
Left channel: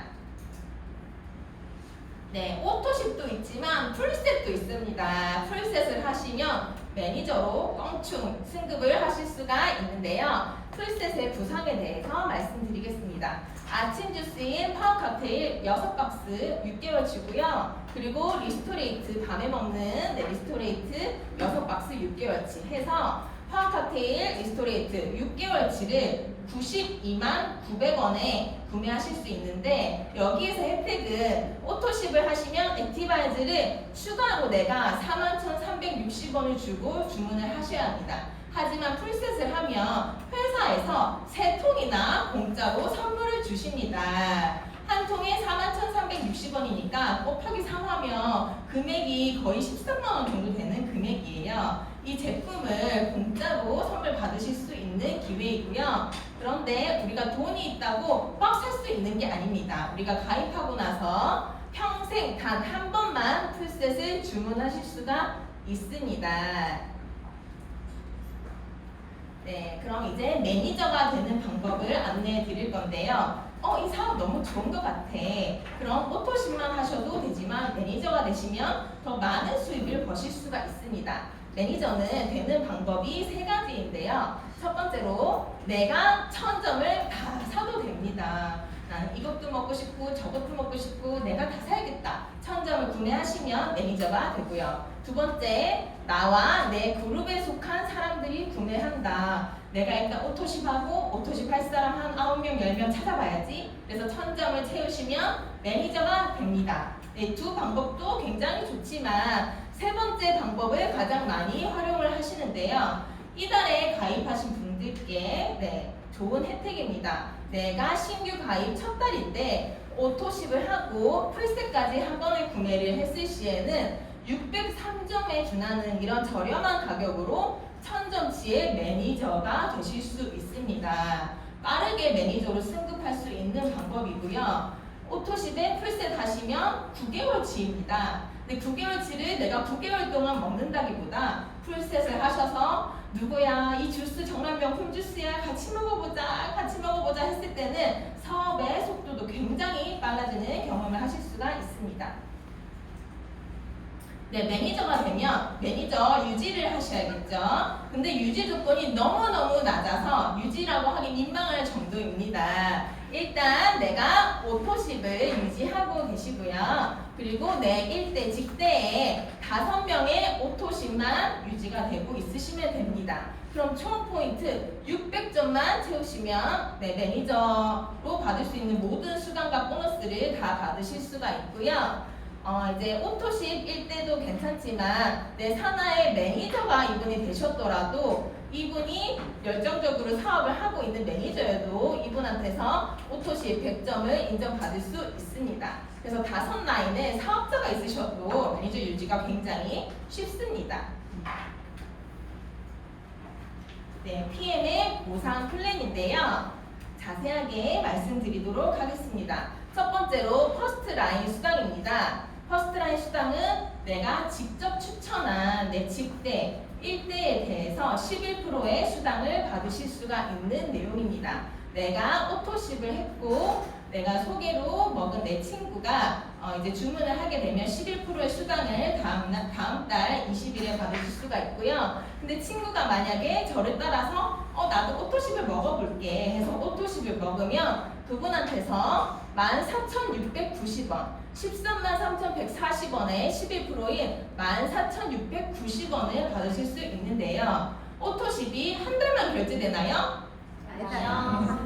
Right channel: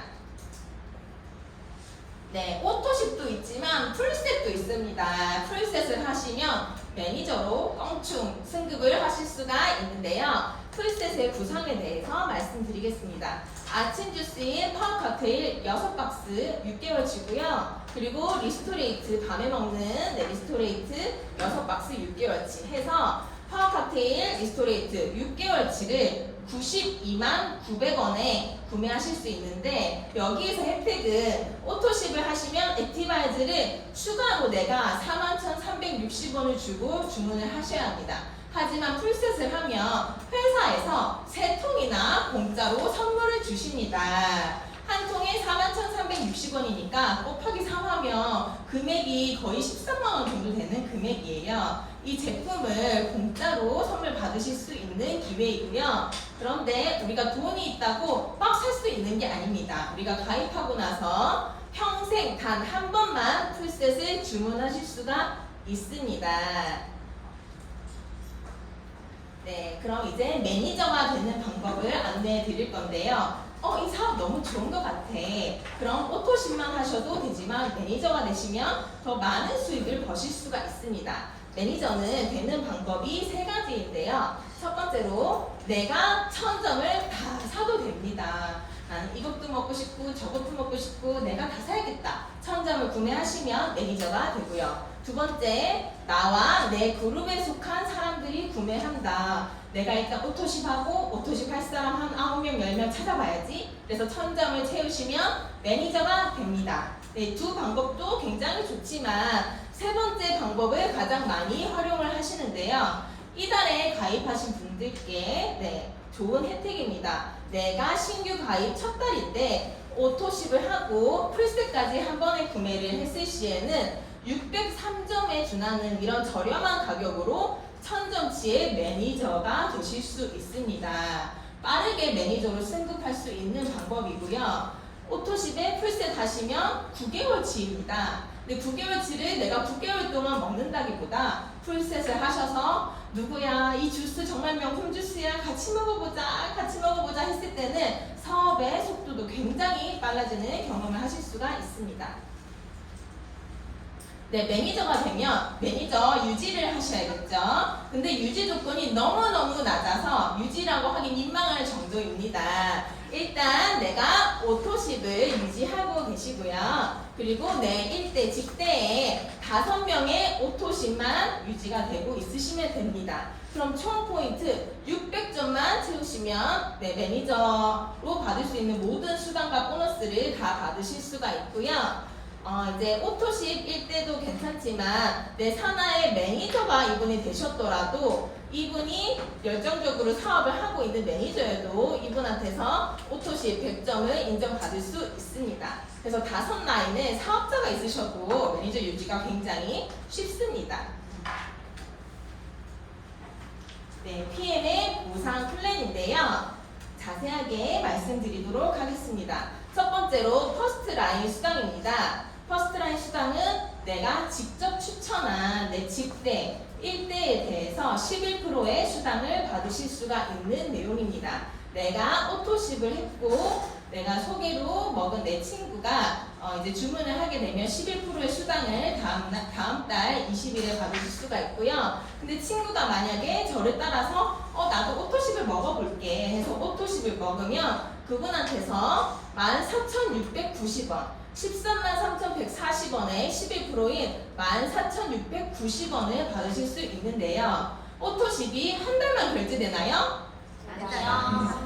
네, 오토십도 있지만 풀셋도 있습니다. 풀셋을 하시면 매니저로 껑충 승급을 하실 수가 있는데요. 풀셋의 구성에 대해서 말씀드리겠습니다. 아침 주스인 파워 칵테일 6박스 6개월치고요. 그리고 리스토레이트 밤에 먹는 리스토레이트 6박스 6개월치 해서 파워 칵테일 리스토레이트 6개월치를 92만 900원에 구매하실 수 있는데 여기에서 혜택은 오토십을 하시면 액티바이즈를 추가로 내가 41,360원을 주고 주문을 하셔야 합니다. 하지만 풀셋을 하면 회사에서 3통이나 공짜로 선물을 주십니다. 한 통에 41,360원이니까 곱하기 3하면 금액이 거의 13만원 정도 되는 금액이에요. 이 제품을 공짜로 선물 받으실 수 있는 기회이고요. 그런데 우리가 돈이 있다고 막 살 수 있는 게 아닙니다. 우리가 가입하고 나서 평생 단 한 번만 풀셋을 주문하실 수가 있습니다. 네, 그럼 이제 매니저가 되는 방법을 안내해 드릴 건데요. 이 사업 너무 좋은 것 같아. 그럼 오토십만 하셔도 되지만 매니저가 되시면 더 많은 수익을 버실 수가 있습니다. 매니저는 되는 방법이 3가지인데요. 첫 번째로 내가 1000점을 다 사도 됩니다. 나는 이것도 먹고 싶고 저것도 먹고 싶고 내가 다 사야겠다. 1000점을 구매하시면 매니저가 되고요. 두 번째, 나와 내 그룹에 속한 사람들이 구매한다. 내가 일단 오토십하고 오토십 할 사람 한 9명, 10명 찾아봐야지. 그래서 1000점을 채우시면 매니저가 됩니다. 네, 두 방법도 굉장히 좋지만 세 번째 방법을 가장 많이 활용을 하시는데요. 이달에 가입하신 분들께 좋은 혜택입니다. 내가 신규 가입 첫 달인데 오토십을 하고 풀셋까지 한 번에 구매를 했을 시에는 603점에 준하는 이런 저렴한 가격으로 1000점치의 매니저가 되실 수 있습니다. 빠르게 매니저로 승급할 수 있는 방법이고요. 오토십에 풀셋 하시면 9개월치입니다. 근데 9개월치를 내가 9개월 동안 먹는다기보다 풀셋을 하셔서 누구야 이 주스 정말 명품 주스야 같이 먹어보자 했을 때는 사업의 속도도 굉장히 빨라지는 경험을 하실 수가 있습니다. 네, 매니저가 되면 매니저 유지를 하셔야겠죠. 근데 유지 조건이 너무너무 낮아서 유지라고 하기 민망할 정도입니다. 일단 내가 오토십을 유지하고 계시고요. 그리고 내 일대 직대에 5명의 오토십만 유지가 되고 있으시면 됩니다. 그럼 총 포인트 600점만 채우시면 네, 매니저로 받을 수 있는 모든 수당과 보너스를 다 받으실 수가 있고요. 이제 오토십 1대도 괜찮지만 내 산하의 매니저가 이분이 되셨더라도 이분이 열정적으로 사업을 하고 있는 매니저여도 이분한테서 오토십 100점을 인정받을 수 있습니다. 그래서 5라인에 사업자가 있으셔도 매니저 유지가 굉장히 쉽습니다. 네, PM의 보상 플랜인데요. 자세하게 말씀드리도록 하겠습니다. 첫 번째로 퍼스트 라인 수당입니다. 퍼스트 라인 수당은 내가 직접 추천한 내 직대 1대에 대해서 11%의 수당을 받으실 수가 있는 내용입니다. 내가 오토십을 했고 내가 소개로 먹은 내 친구가 이제 주문을 하게 되면 11%의 수당을 다음 달 20일에 받으실 수가 있고요. 근데 친구가 만약에 저를 따라서 나도 오토십을 먹어볼게 해서 오토십을 먹으면 그분한테서 14,690원 133,3,140원에 11%인 14,690원을 받으실 수 있는데요. 오토십이 한 달만 결제되나요?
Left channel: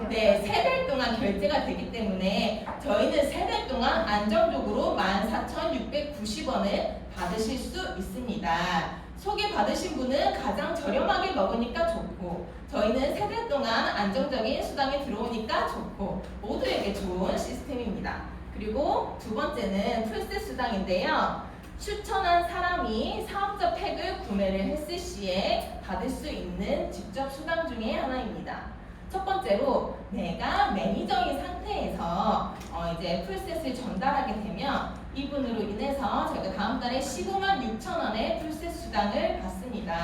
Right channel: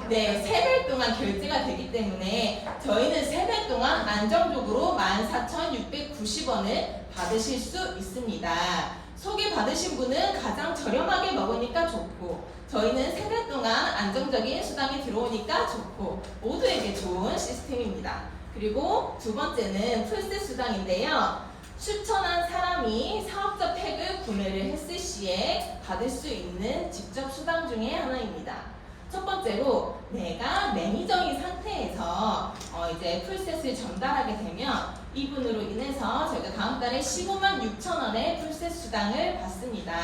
네, 3달 동안 결제가 되기 때문에 저희는 3달 동안 안정적으로 14,690원을 받으실 수 있습니다. 소개받으신 분은 가장 저렴하게 먹으니까 좋고 저희는 3달 동안 안정적인 수당이 들어오니까 좋고 모두에게 좋은 시스템입니다. 그리고 두 번째는 풀셋 수당인데요. 추천한 사람이 사업자 팩을 구매를 했을 시에 받을 수 있는 직접 수당 중에 하나입니다. 첫 번째로 내가 매니저인 상태에서 이제 풀셋을 전달하게 되면 이분으로 인해서 저희가 다음 달에 15만 6천 원의 풀셋 수당을 받습니다.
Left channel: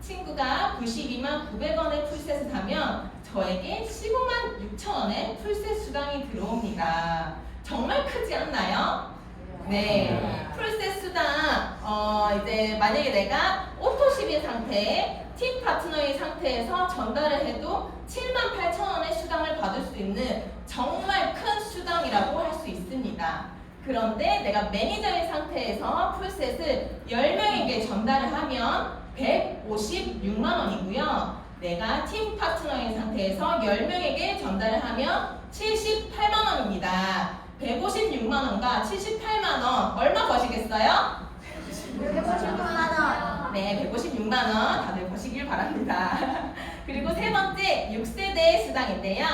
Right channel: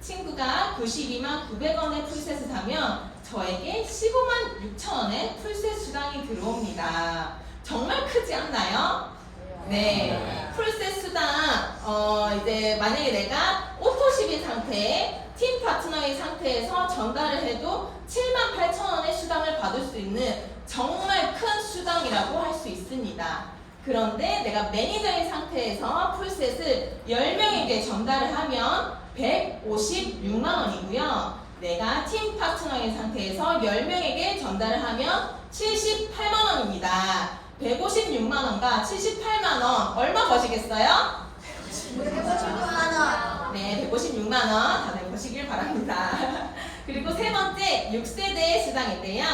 친구가 92만 900원의 풀셋을 사면 저에게 15만 6천 원의 풀셋 수당이 들어옵니다. 정말 크지 않나요? 네. 풀셋 수당 이제 만약에 내가 오토십인 상태에 팀 파트너의 상태에서 전달을 해도 78,000원의 수당을 받을 수 있는 정말 큰 수당이라고 할 수 있습니다. 그런데 내가 매니저의 상태에서 풀셋을 10명에게 전달을 하면 156만원이고요. 내가 팀 파트너의 상태에서 10명에게 전달을 하면 78만원입니다. 156만원과 78만원 얼마 거시겠어요? 156만원. 네, 156만원 다들 보시길 바랍니다. 그리고 세 번째 6세대 수당인데요.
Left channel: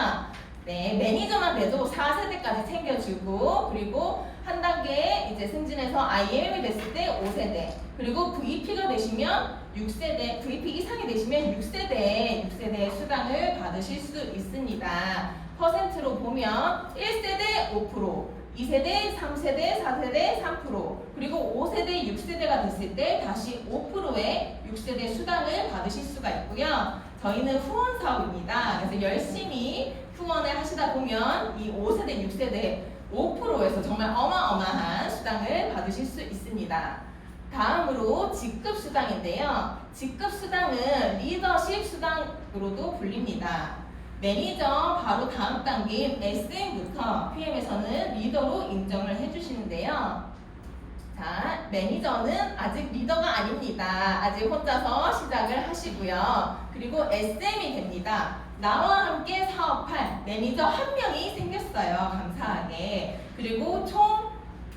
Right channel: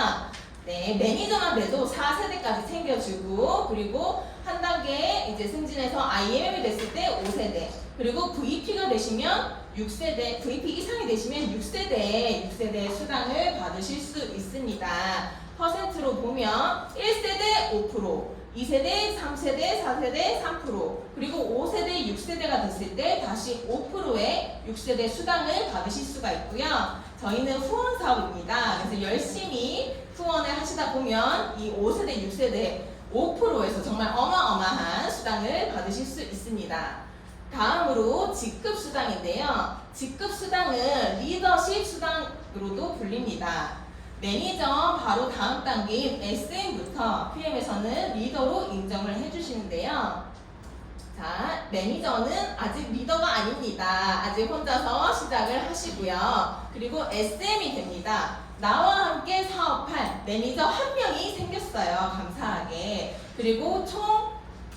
네, 매니저만 돼도 4세대까지 챙겨주고 그리고 한 단계 이제 승진해서 IMM이 됐을 때 5세대 그리고 VP가 되시면 6세대, VP 이상이 되시면 6세대 수당을 받으실 수 있습니다. 퍼센트로 보면 1세대 5%, 2세대, 3세대, 4세대 3%, 그리고 5세대, 6세대가 됐을 때 다시 5%의 6세대 수당을 받으실 수가 있고요. 저희는 후원 사업입니다. 그래서 열심히 후원을 하시다 보면 이 5세대, 6세대 5%에서 정말 어마어마한 수당을 받으실 수 있습니다. 다음으로 직급 수당인데요. 직급 수당은 리더십 수당으로도 불립니다. 매니저 바로 다음 단계인 SM부터 PM에서는 리더로 인정을 해주시는데요. 자, 매니저는 아직 리더가 아닙니다. 아직 혼자서 시작을 하시고요. 그리고 SM이 됩니다. 나와 함께 사업할 매니저 한 명이 생겼어요. 감사하게. 그리고 총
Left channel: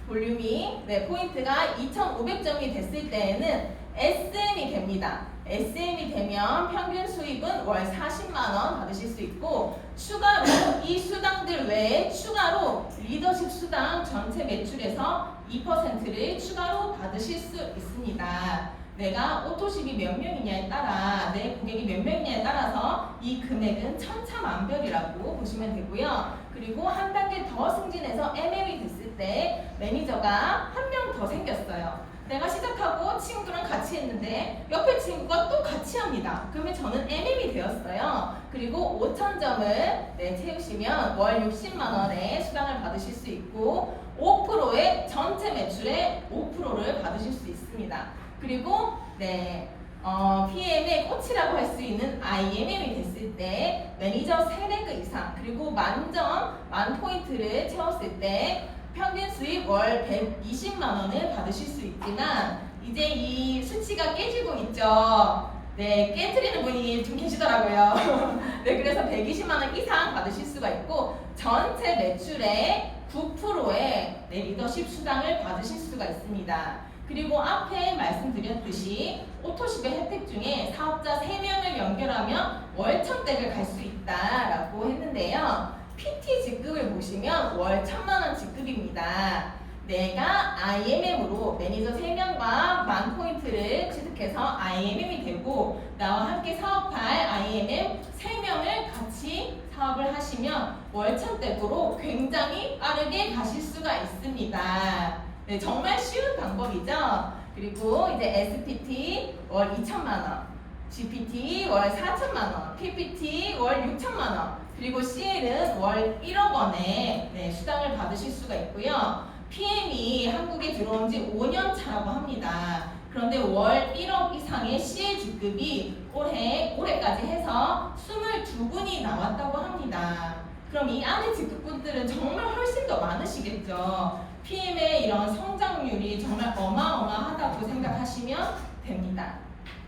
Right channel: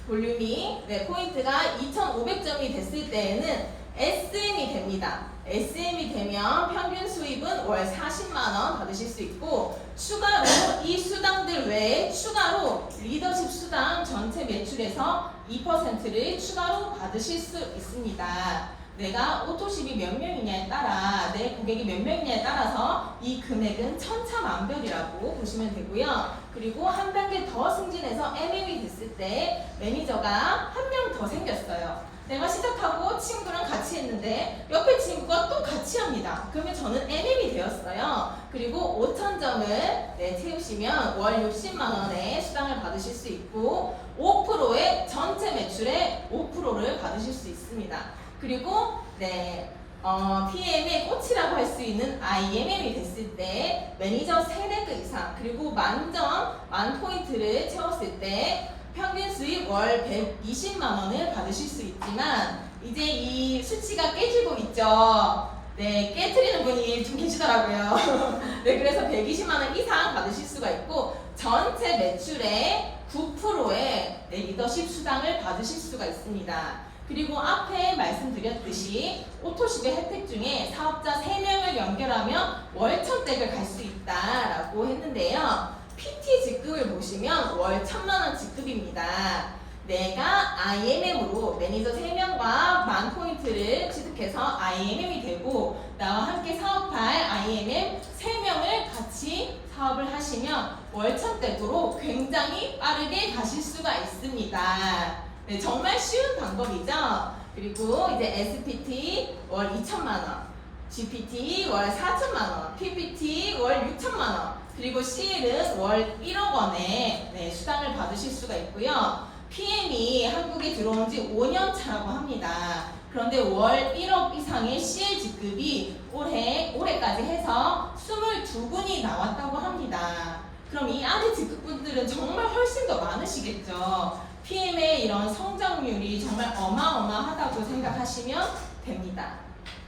볼륨이 포인트가 2,500점이 됐을 때에는 SM이 됩니다. SM이 되면 평균 수입은 월 40만 원 받으실 수 있고 추가로 이 수당들 외에 추가로 리더십 수당 전체 매출에서 2%를 추가로 받으실 수 있습니다. 내가 오토십이 몇 명이냐에 따라 내 고객이 몇 명이냐에 따라서 이 금액은 천차만별이라고 보시면 되고요. 그리고 한 단계 더 승진해서 MM이 됐을 때 매니저가 한 명 더 생겼어요. 내가 시작하고 친구랑 같이 했는데 옆에 친구가 또 같이 합니다. 그러면 저는 MM이 되었어요. 그리고 5,000점을 채우시면 월 60만 원의 수당을 받으실 수 있고 5%의 전체 매출의 5%를 받으실 수 있습니다. 그리고 PM의 꽃이라고 할 수 있는 IMM이 됐을 때 매니저 3레그 이상 그리고 만점, 만포인트를 채웠을 때 평균 수입 월 120만 원을 받으실 수 있지만 이제 이 수치가 깨지고 있죠. 깨트리는 분이 좀 계시더라고요. 그래서 120만 원 이상 받으실 수가 있고 전체 매출의 9%의 리더십 수당을 받으실 수가 있습니다. 그리고 앞에 말씀드렸듯이 오토십의 혜택 중에 사업자 3명을 연결하면 월천댁을 갈 수 있다라고 했는데요. PT 직급을 보시면 월 1,000만 원 직급입니다. 내가 IMM으로 매니저 3명과 만포인트를 취득해서 IMM이 되고 나와 함께 사업할 IMM 3명을 같이 사업을 하시면 월천댁으로 굉장히 빠르게 가실 수가 있습니다. 정말 쉬운 방법이죠. 그리고 이제 SPT 월 2,000만 원, GPT 월 4,000만 원, PPT 월 6,000만 원, 그리고 CL은 월 1억 원의 수당을 받으실 수가 있고요. PM이 한국에 들어온 지 5년 차라고 합니다. 그런데 월 1억 이상의 CL 직급이 올해까지 해서 22분이 나왔다고 합니다. 그럼 이 안에 직급분들은 정말 훨씬 더 많으시겠죠. PM의 이런 성장률이 정말 어마어마하다고 생각하시면 됩니다.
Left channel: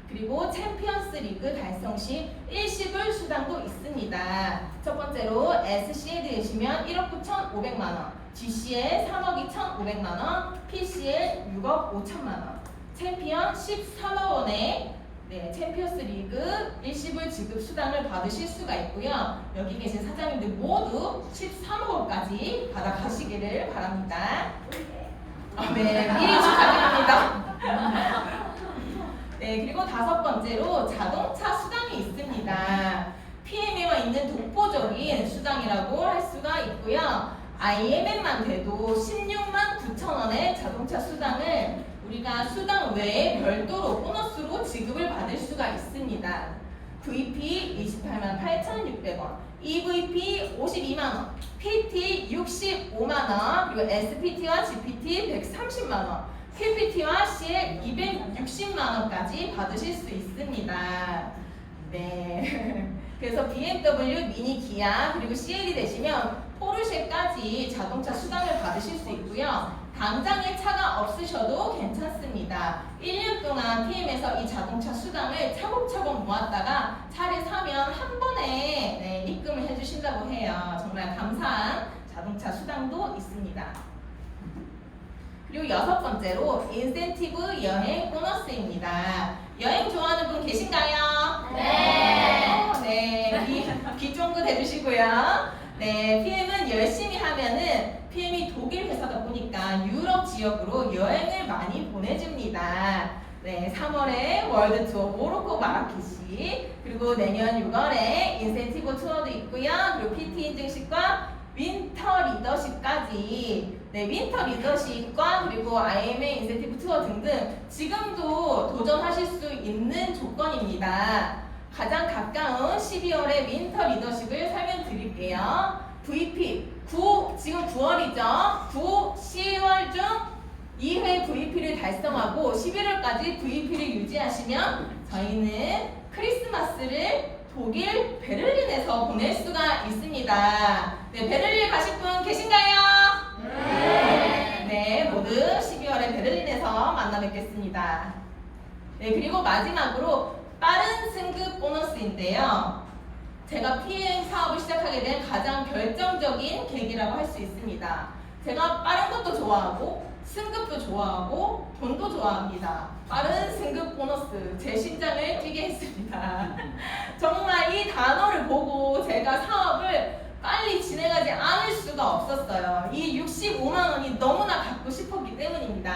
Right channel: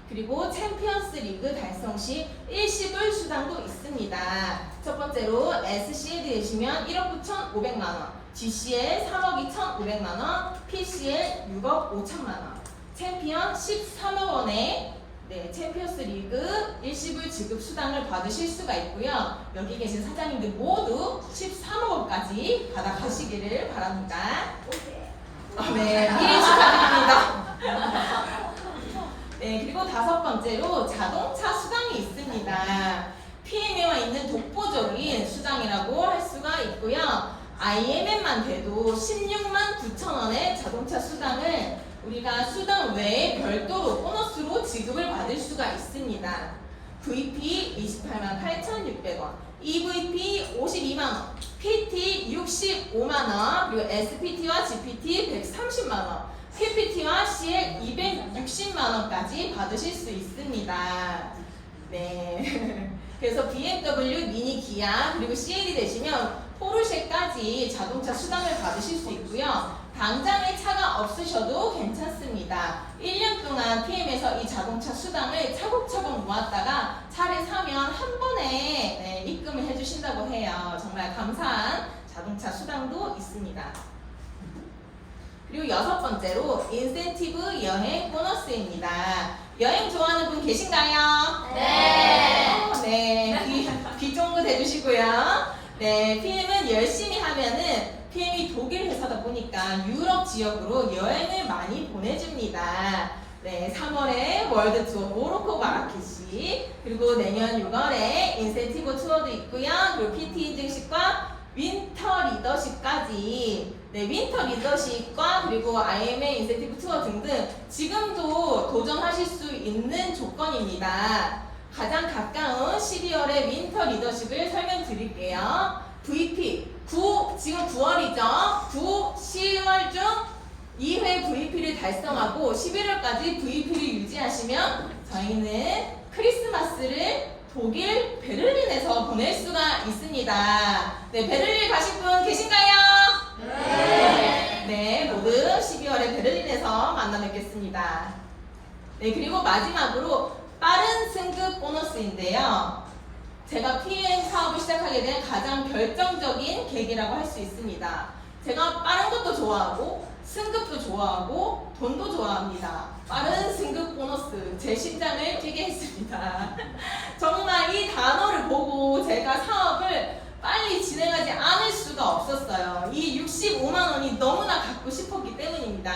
그리고 챔피언스 리그 달성 시 일시불 수당도 있습니다. 첫 번째로 SCL 되시면 1억 9,500만 원, GCL 3억 2,500만 원, PCL 6억 5천만 원, 챔피언 13억 원의 챔피언스 리그 일시불 지급 수당을 받으실 수가 있고요. 여기 계신 사장님들 모두 13억 원까지 받아가시기를 바랍니다. 미리 축하드립니다. 그리고 5번째로 자동차 수당이 있습니다. PM에만 있는 독보적인 수당이라고 할 수가 있고요. IMM만 돼도 16만 9천 원의 자동차 수당을 우리가 수당 외에 별도로 보너스로 지급을 받을 수가 있습니다. VP 28만 8,600원, EVP 52만 원, PT 65만 원, 그리고 SPT와 GPT 130만 원, PPT와 CL 260만 원까지 받으실 수 있습니다. 그래서 BMW, 미니, 기아, 그리고 CL이 되시면 포르쉐까지 자동차 수당을 받으실 수 있고요. 당장의 차가 없으셔도 괜찮습니다. 1년 동안 PM에서 이 자동차 수당을 차곡차곡 모았다가 차를 사면 한 번에 입금을 해주신다고 해요. 정말 감사한 자동차 수당도 있습니다. 그리고 6번째로 인센티브 여행 보너스입니다. 여행 좋아하는 분 계신가요? 귀 쫑긋 해주시고요. PM은 열심히 하면은 PM이 독일 회사다 보니까 유럽 지역으로 여행을 많이 보내줍니다. 3월에 월드 투어 모로코 마라케시, 그리고 내년 6월에 인센티브 투어도 있고요. 그리고 PT 인증식과 윈터 리더십까지 윈터 리더십과 그리고 IMA 인센티브 투어 등등 지금도 도전하실 수 있는 조건입니다. 가장 가까운 12월의 윈터 리더십을 설명드릴게요. VP 지금 9월이죠. 9, 10월 중 2회 VP를 달성하고 11월까지 VP를 유지하시면 저희는 크리스마스를 독일 베를린에서 보낼 수가 있습니다. 베를린 가실 분 계신가요? 모두 12월에 베를린에서 만나 뵙겠습니다. 그리고 마지막으로 빠른 승급 보너스인데요. 제가 PM 사업을 시작하게 된 가장 결정적인 계기라고 할 수 있습니다. 제가 빠른 것도 좋아하고 승급도 좋아하고 돈도 좋아합니다. 빠른 승급 보너스 제 심장을 뛰게 했습니다. 정말 이 단어를 보고 제가 사업을 빨리 진행하지 않을 수가 없었어요. 이 65만 원이 너무나 갖고 싶었기 때문입니다.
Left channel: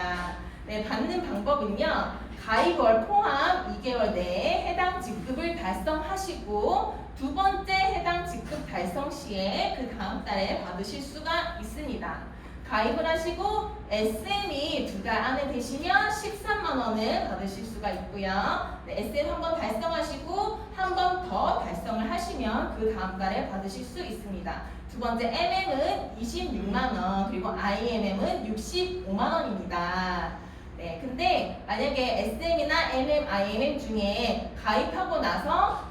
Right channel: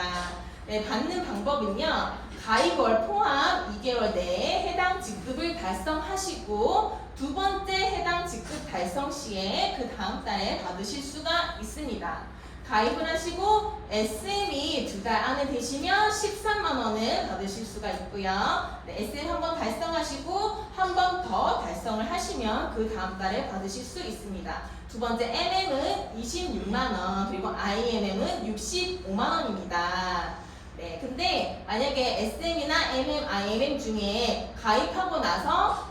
네, 받는 방법은요. 가입월 포함 2개월 내에 해당 직급을 달성하시고 두 번째 해당 직급 달성 시에 그 다음 달에 받으실 수가 있습니다. 가입을 하시고 SM이 2달 안에 되시면 13만 원을 받으실 수가 있고요. 네, SM 한 번 달성하시고 한 번 더 달성을 하시면 그 다음 달에 받으실 수 있습니다. 두 번째 MM은 26만 원, 그리고 IMM은 65만 원입니다. 네, 근데 만약에 SM이나 MM, IMM 중에 가입하고 나서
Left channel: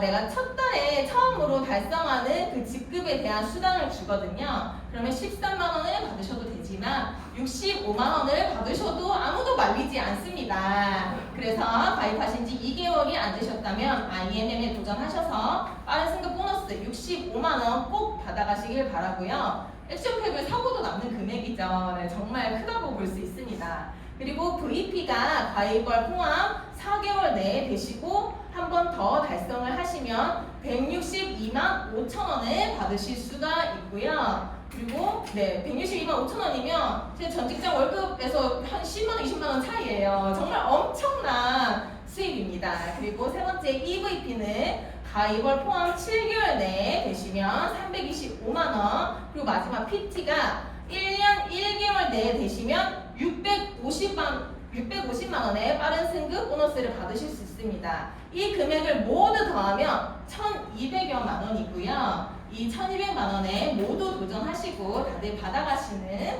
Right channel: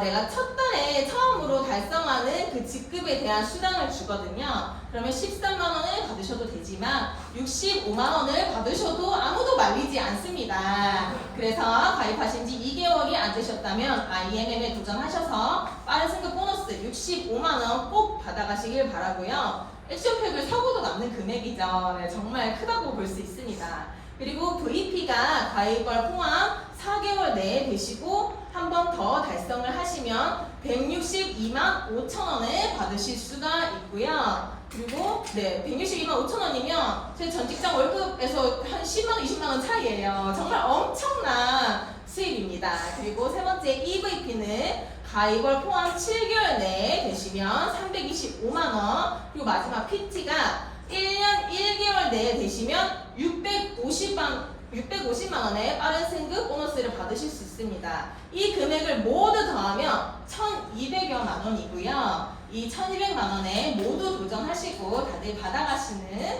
내가 첫 달에 처음으로 달성하는 그 직급에 대한 수당을 주거든요. 그러면 13만 원을 받으셔도 되지만 65만 원을 받으셔도 아무도 말리지 않습니다. 그래서 가입하신 지 2개월이 안 되셨다면 IMM에 도전하셔서 빠른 승급 보너스 65만 원 꼭 받아가시길 바라고요. 액션팩을 사고도 남는 금액이죠. 네, 정말 크다고 볼 수 있습니다. 그리고 VP가 가입월 포함 4개월 내에 되시고 한 번 더 달성을 하시면 162만 5천 원을 받으실 수가 있고요. 그리고 162만 5천 원이면 제 전 직장 월급에서 한 10만 원, 20만 원 차이예요. 정말 엄청난 수입입니다. 그리고 세 번째 EVP는 가입월 포함 7개월 내에 되시면 325만 원, 그리고 마지막 PT가 1년 1개월 내에 되시면 650만 원의 빠른 승급 보너스를 받으실 수 있습니다. 이 금액을 모두 더하면 1,200여만 원이고요. 이 1,200만 원에 모두 도전하시고 다들 받아가시는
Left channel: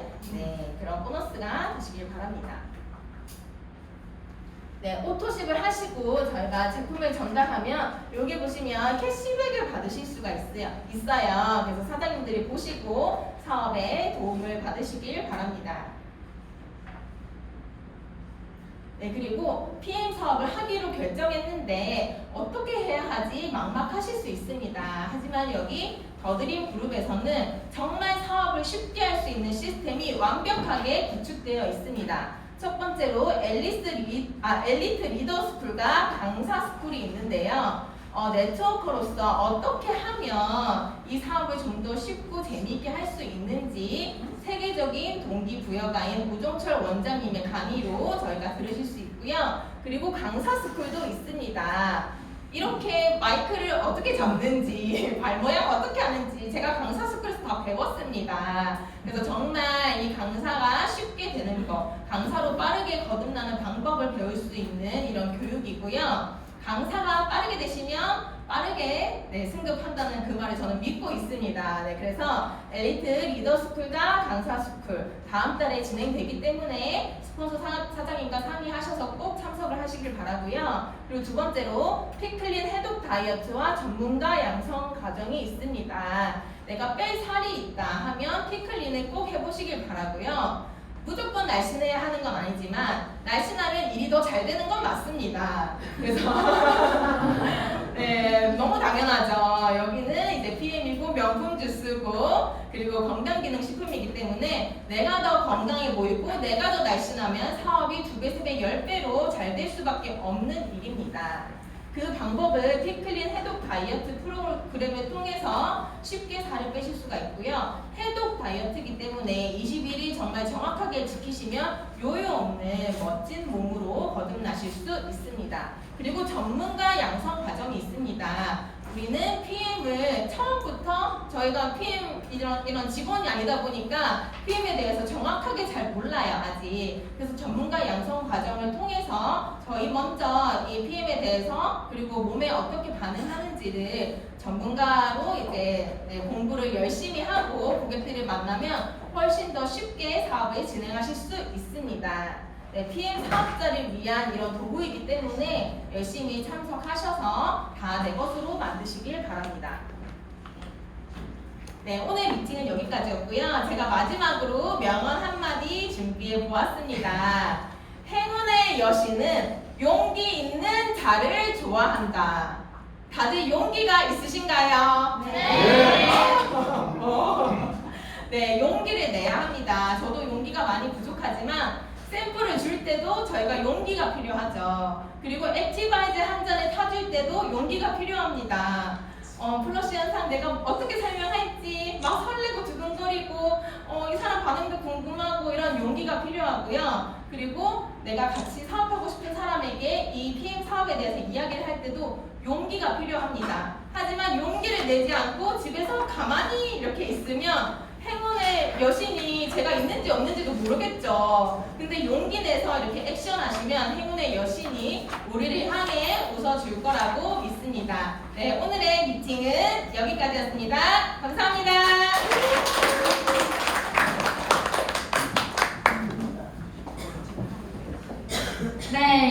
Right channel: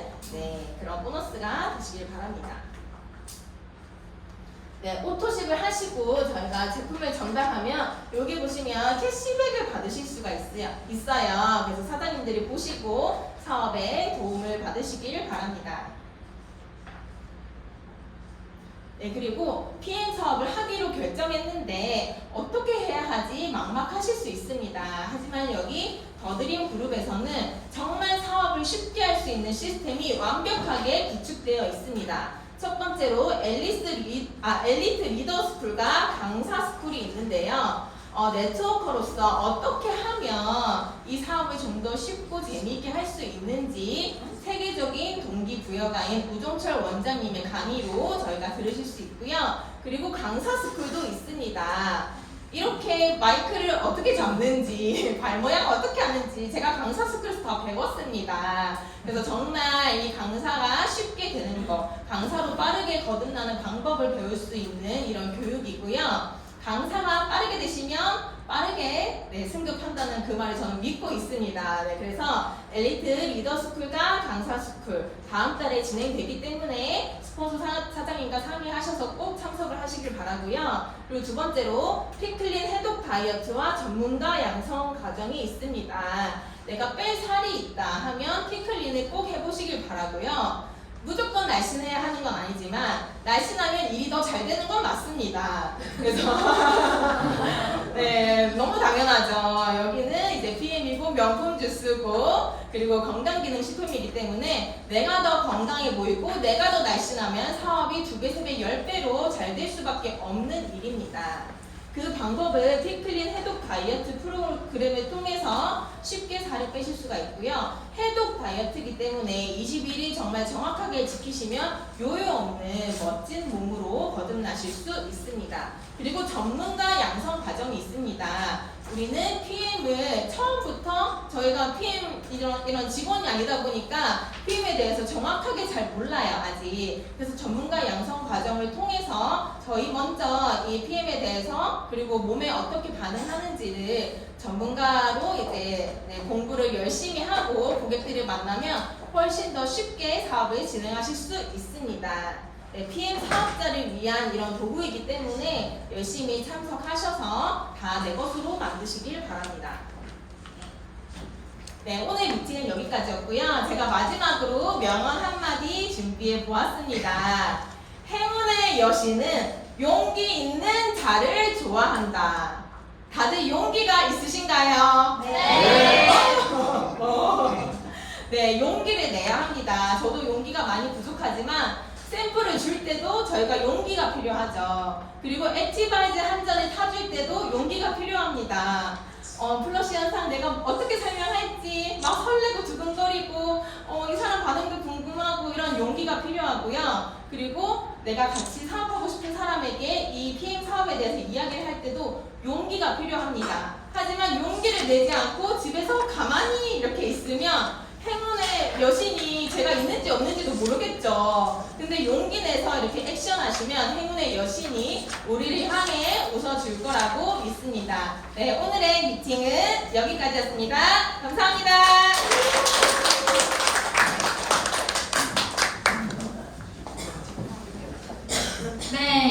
그런 보너스가 되시길 바랍니다. 네, 오토십을 하시고 저희가 제품을 전달하면 여기 보시면 캐시백을 받으실 수가 있어요. 그래서 사장님들이 보시고 사업에 도움을 받으시길 바랍니다. 네, 그리고 PM 사업을 하기로 결정했는데 어떻게 해야 하지 막막하실 수 있습니다. 하지만 여기 더드림 그룹에서는 정말 사업을 쉽게 할 수 있는 시스템이 완벽하게 구축되어 있습니다. 첫 번째로 엘리트 리더 스쿨과 강사 스쿨이 있는데요. 네트워커로서 어떻게 하면 이 사업을 좀 더 쉽고 재미있게 할 수 있는지 세계적인 동기부여가인 우종철 원장님의 강의로 저희가 들으실 수 있고요. 그리고 강사 스쿨도 있습니다. 이렇게 마이크를 어떻게 잡는지, 발 모양 어떻게 하는지 제가 강사 스쿨에서 다 배웠습니다. 그래서 정말 이 강사가 쉽게 되는 거, 강사로 빠르게 거듭나는 방법을 배울 수 있는 이런 교육이고요. 강사가 빠르게 되시면 빠르게 승급한다는 그 말을 저는 믿고 있습니다. 그래서 엘리트 리더 스쿨과 강사 스쿨 다음 달에 진행되기 때문에 스폰서 사장님과 상의하셔서 꼭 참석을 하시길 바라고요. 그리고 두 번째로 피클린 해독 다이어트와 전문가 양성 과정이 있습니다. 내가 뺄 살이 있다 하면 피클린을 꼭 해보시길 바라고요. 무조건 날씬해야 하는 건 아니지만 날씬하면 일이 더 잘 되는 건 맞습니다. 그래서 너무 당연하죠. 여기는 이제 PM이고 명품 주스고 그리고 건강기능식품이기 때문에 내가 더 건강해 보이고 내가 더 날씬하면 사업이 2배, 3배, 10배로 잘 될 수밖에 없는 일입니다. 그 방법을 피클린 해독 다이어트 프로그램을 통해서 쉽게 살을 빼실 수가 있고요. 해독 다이어트이기 때문에 21일 정말 정확하게 지키시면 요요 없는 멋진 몸으로 거듭나실 수 있습니다. 그리고 전문가 양성 과정이 있습니다. 우리는 PM을 처음부터 저희가 PM 이런 직원이 아니다 보니까 PM에 대해서 정확하게 잘 몰라요, 아직. 그래서 전문가 양성 과정을 통해서 저희 먼저 이 PM에 대해서 그리고 몸에 어떻게 반응하는지를 전문가로 이제 공부를 열심히 하고 고객들을 만나면 훨씬 더 쉽게 사업을 진행하실 수 있습니다. PM 사업자를 위한 이런 도구이기 때문에 열심히 참석하셔서 다 내 것으로 만드시길 바랍니다. 오늘 미팅은 여기까지였고요. 제가 마지막으로 명언 한마디 준비해 보았습니다. 행운의 여신은 용기 있는 자를 좋아한다. 다들 용기가 있으신가요? 네. 네, 용기를 내야 합니다. 저도 용기가 많이 부족하지만 샘플을 줄 때도 저희가 용기가 필요하죠. 그리고 액티바이즈 한 잔에 타줄 때도 용기가 필요합니다. 플러시 현상 내가 어떻게 설명할지 막 설레고 두근거리고 이 사람 반응도 궁금하고 이런 용기가 필요하고요. 그리고 내가 같이 사업하고 싶은 사람에게 이 PM 사업에 대해서 이야기를 할 때도 용기가 필요합니다. 하지만 용기를 내지 않고 집에서 가만히 이렇게 있으면 행운의 여신이 제가 있는지 없는지도 모르겠죠. 근데 용기 내서 이렇게 액션 하시면 행운의 여신이 우리를 향해 웃어줄 거라고 믿습니다. 네, 오늘의 미팅은 여기까지였습니다. 감사합니다. 네.